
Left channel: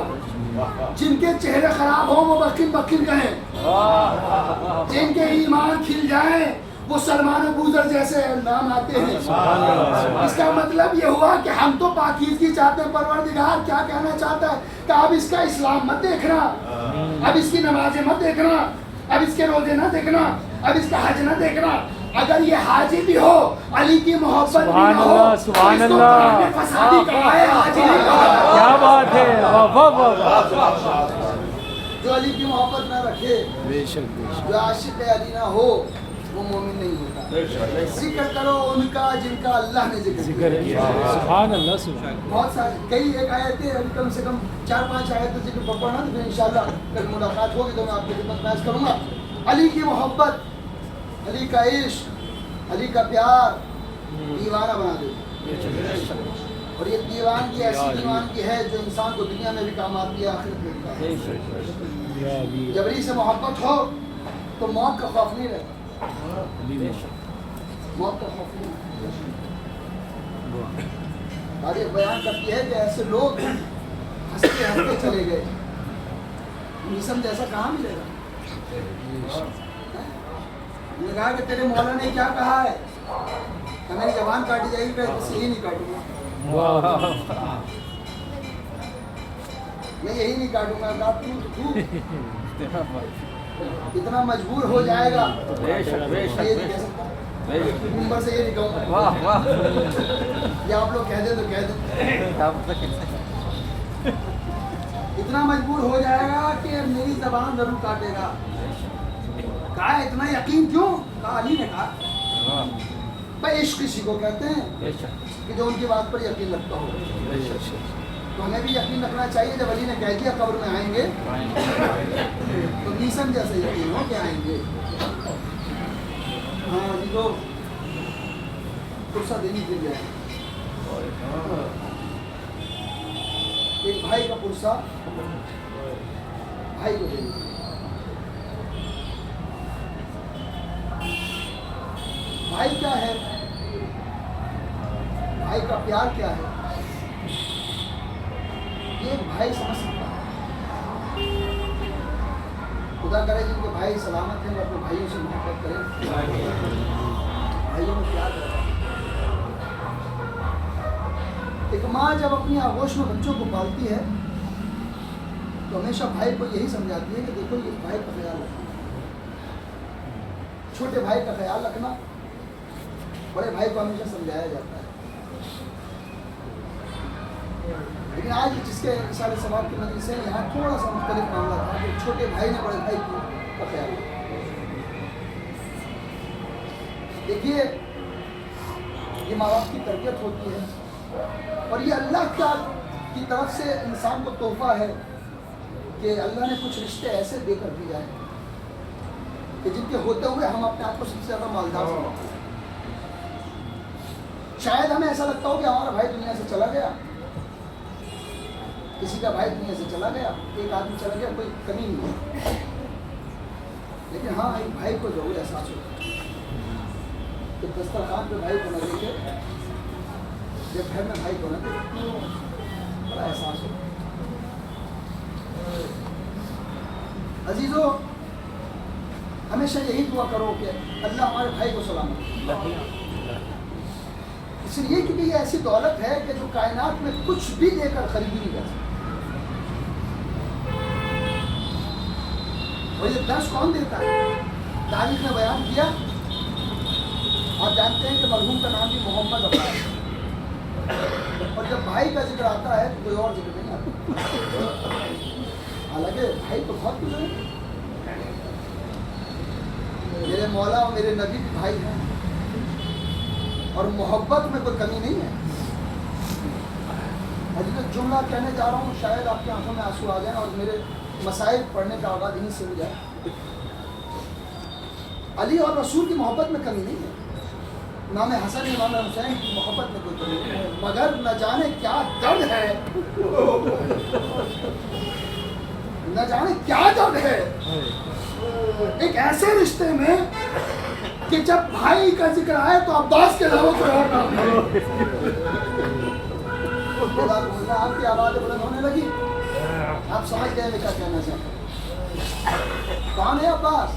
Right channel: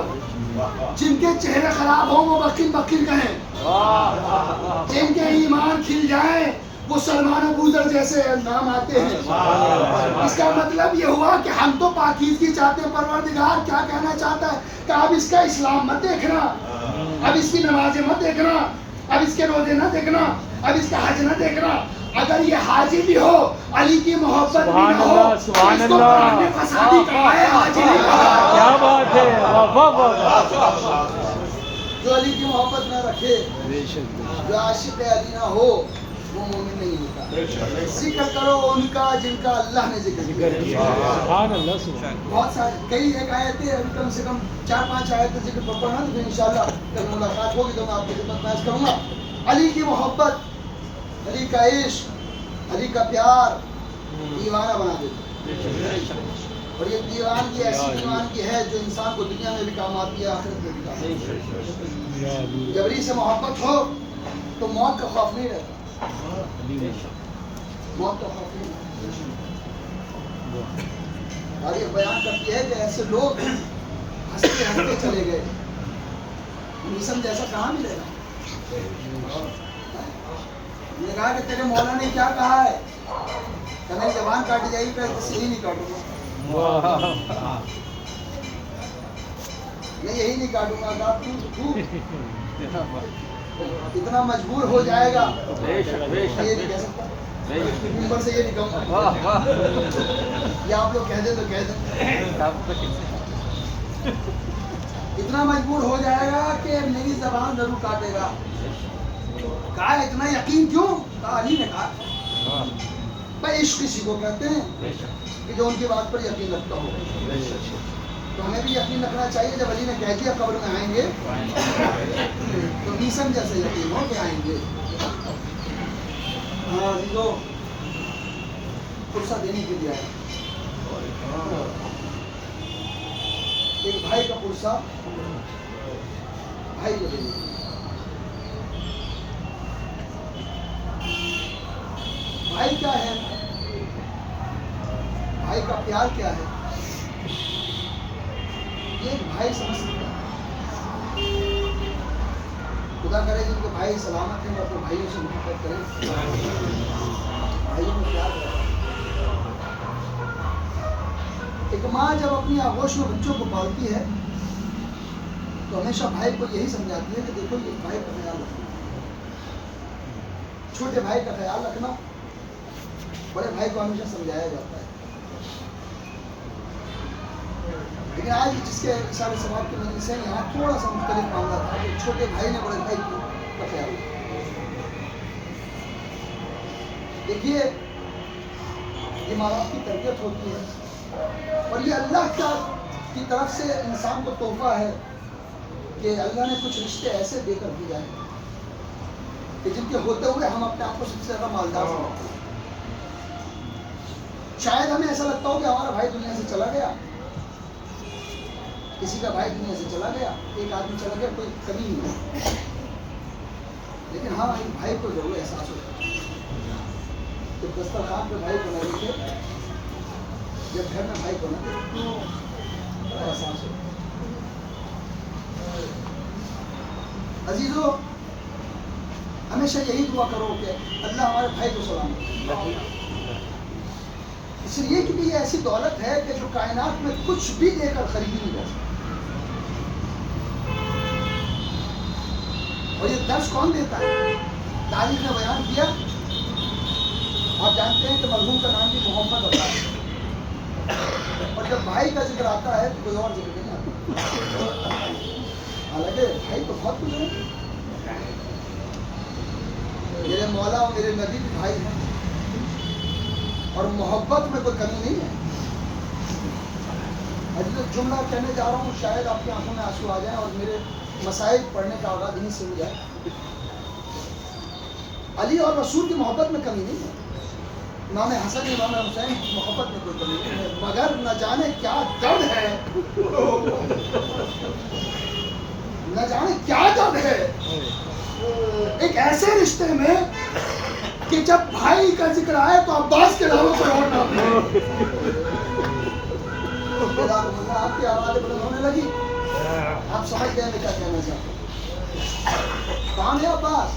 جن کے چہرے خراب ہوں وہ بکن بکن کہیں, جن کے ایمان کھل جائیں وہ سلمان و بوذر جیسے نام آتے ہیں. اس کا مطلب یہ ہوا کہ ہم تو پاکیزگی چاہتے ہیں. پروردگار کیا کہنا چاہتا ہے کہ اب اس کا اسلام مت دیکھنا, اب اس کی نمازیں مت دیکھنا, اب اس کے روزے نہ دیکھنا, اب اس کا حج نہ دیکھنا. اگر یہ حاجی بھی ہو, علی کی محبت بھی نہ ہو, تو اس کو قرآن نے فسادی کہا ہے, حاجی نہیں کہا. کیا بات ہے, واہ واہ واہ. جو علی کی محبت نہ رکھے, جو عاشق علی نہ ہو, وہ مومن نہیں ہوتا. ذکر کرو ان کا جن کا اللہ نے ذکر کیا. سبحان اللہ سبحان. بہت سارے کئی ایک آیتیں ابھی کم سے کم 4-5 آیتیں ذکر پڑھنا, تو انشاءاللہ کل ملاقات ہوگی تو میں آپ کی خدمت میں عرض کروں گا. علی کی محبت, علی کا عشق, علی کا پیار دیوانہ بنا دیتا. اور یہ دیوان کی ایسی دیوان کی ہے جو انسان کو دنیا میں بھی کام آتی ہے, آخرت میں بھی کام آتی ہے. جب علی سے محبت ہو تو موت کا خوف نہیں رہتا. موت کا خوف نہیں. تاریخ بیان کرتی ہے کہ ایسے لوگ ہنستے ہنستے چلے گئے. میسم جیسا کہاں ملے گا؟ نے کہا کہ تیرے مولا نے کیا کہا ہے کہ میری زبان کاٹی جائے گی, پھر یہی نہیں کاٹوں گا, میں یہی نہیں کاٹوں گا. اتنا مجبور ہو جائے گا, یہ نہیں کہہ سکتا, ممبر سے یہ نہیں کہوں گا, یا آپ لوگ کہہ دیں تو کہہ دیں. اتنا مجبور ہو جائے گا کہ میری زبان ضرور کاٹے گا. کہا اتنا یقین کیوں؟ کہا علی نے کہا. بھائی عشق کسی کو کہتے ہیں کہ جو ان کی بات پر یقین رکھتا ہو. تو ہمیں بھی یقین رکھنا چاہیے. جب علی نے کہہ دیا قبر میں آئیں گے, تو میسن جیسے یقین ہو کہ آئیں گے. ہاں عزیزو, پرسہ دینے کے لیے آئے. ایک بھائی کا پرسہ بھائی کو دینے کے لیے. بھائی کیا ہے, بھائی کا پیار کیا ہے, یہ بھائی سمجھ سکتا ہے. خدا کرے جن کے بھائی سلامت ہیں, اپنے بھائیوں سے محبت کریں, بھائیوں میں پیار رہتا ہے. ایک ماں جب اپنی آغوش میں بچوں کو پالتی ہے تو ہمیشہ بھائی کو یہی سمجھاتی ہے کہ دیکھو یہ بھائی کا خیال رکھنا, چھوٹے بھائی کا خیال رکھنا. بڑے بھائی کو ہمیشہ سمجھایا جاتا ہے. لیکن آج جس کے اشارے ثواب کی مجلس ہے, یہاں تھوڑا سا مختلف معاملہ تھا کہ چھوٹے بھائی نے بڑے بھائی کا خیال رکھا. دیکھیے یہ ماں باپ کی تربیت ہوتی ہے، اور یہ اللہ کی طرف سے انسان کو تحفہ ہے کہ اللہ نے کچھ رشتے ایسے دے کر دیا ہے کہ جن کے ہوتے ہوئے ہم اپنے آپ کو سب سے زیادہ مالدار سمجھتے ہیں۔ شاید ہمیں ایسا لگتا ہو کہ ہمارا بھائی دنیا سے چلا گیا، کسی کا بھائی دنیا سے چلا گیا، ایک آدمی چلا گیا، کوئی کمی نہیں ہے، لیکن ہاں ایک بھائی کو ضرور احساس ہوتا ہے کہ دسترخوان پہ بھائی کو نہ دیکھے، جب گھر میں بھائی کو نہ دیکھے، بڑا احساس ہوتا ہے۔ عزیزو، ہمیشہ یہی دعا کرو کہ اللہ ہمارے بھائی کو سلامت رکھے، اس لیے کیونکہ یہ ایسی دولت ہے کہ جو کائنات میں کچھ بھی دے کر خریدی نہیں جا سکتی۔ اور یہ درس کون دیتا ہے؟ تاریخ نے بیان کیا، آپ جانتے ہیں کہ مرحوم کا نام بھی محمد عباس ہے، اور جب بھائی کا ذکر آتا ہے تو کوئی اور ذکر نہیں آتا، حالانکہ بھائی تو بہت گزرے، میرے مولا اور میرے نبی بھی بھائی ہیں، اور محبت میں کوئی کمی نہیں ہے۔ حضرت جملہ کہنے جا رہا ہوں، شاید آپ کی آنکھوں میں آنسو آ جائیں اور میرے مسائل پڑھنے کا آغاز یہیں سے ہو جائے۔ علی اور رسول کی محبت میں کمی نہیں ہے، امام حسن امام حسین کی محبت میں کوئی کمی نہیں ہے، مگر نہ جانے کیا درد ہے، نہ جانے کیا درد ہے ایک ایسے رشتے میں کہ جب بھائی کا ذکر آئے تو عباس کے علاوہ کوئی اور نام نہیں۔ آپ کی آواز بلند ہونے لگی، آپ سمجھ گئے میں کیا کہنا چاہتا ہوں۔ کون ہے عباس؟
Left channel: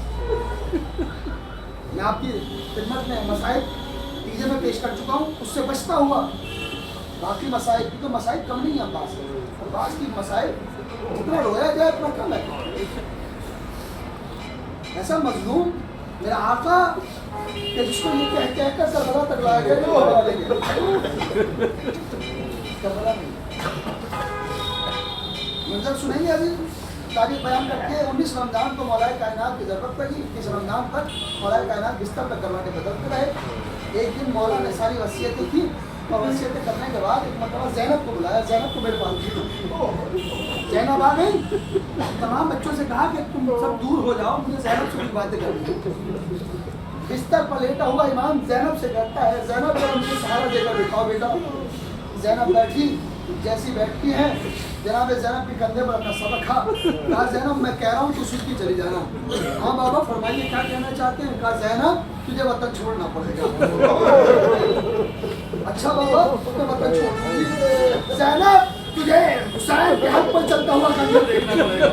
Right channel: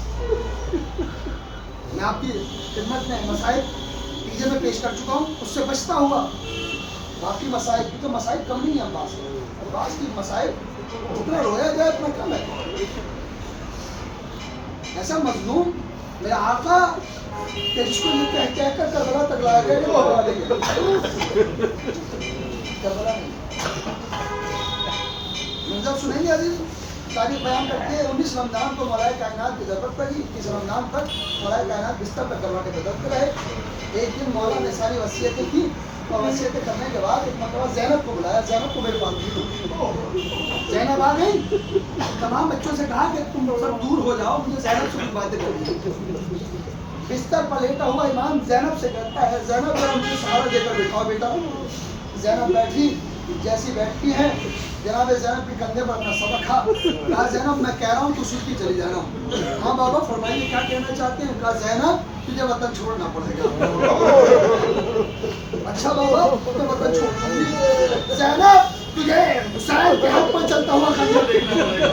میں آپ کی خدمت میں مسائل ٹیجے میں پیش کر چکا ہوں، اس سے بچتا ہوا باقی مسائل، کیونکہ مسائل کم نہیں ہیں عباس کے، عباس کی مسائل اتنا رویا جائے اتنا کم ہے۔ ایسا مظلوم میرا آقا کہ جس کو یہ کہہ کر کربلا تک لایا گیا کہ وہ کربلا نہیں ہے، کربلا نہیں۔ منظر سنیں گے عزیز، تاریخ بیان کرتی ہے 19 رمضان کو مولا کائنات کی ضرورت پڑی، 21 رمضان تک مولا کائنات بستر پر کروٹیں بدلتے رہے۔ ایک دن مولا نے ساری وصیتیں کی، اور وصیتیں کرنے کے بعد ایک مرتبہ زینب کو بلایا، زینب کو میرے پاس بھیجو۔ زینب آ گئی، تمام بچوں سے کہا کہ تم سب دور ہو جاؤ، مجھے زینب سے کچھ باتیں کرنی ہے۔ بستر پر لیٹا ہوا امام زینب سے کہتا ہے، زینب ذرا مجھے سہارا دے کر بٹھاؤ بیٹا۔ زینب بیٹھی، جیسی بیٹھتی ہے جناب زینب کے کندھے پر اپنا سر رکھا، کہا زینب میں کہہ رہا ہوں تو سیدھی چلی جانا۔ ہاں بابا فرمائیے کیا کہنا چاہتے ہیں؟ کہا زینب تجھے وطن چھوڑنا پڑے گا۔ اچھا بابا میں وطن چھوڑ دوں گی۔ زینب تجھے حسین کے حق پر چلتا ہوا خنجر دیکھنا پڑے گا۔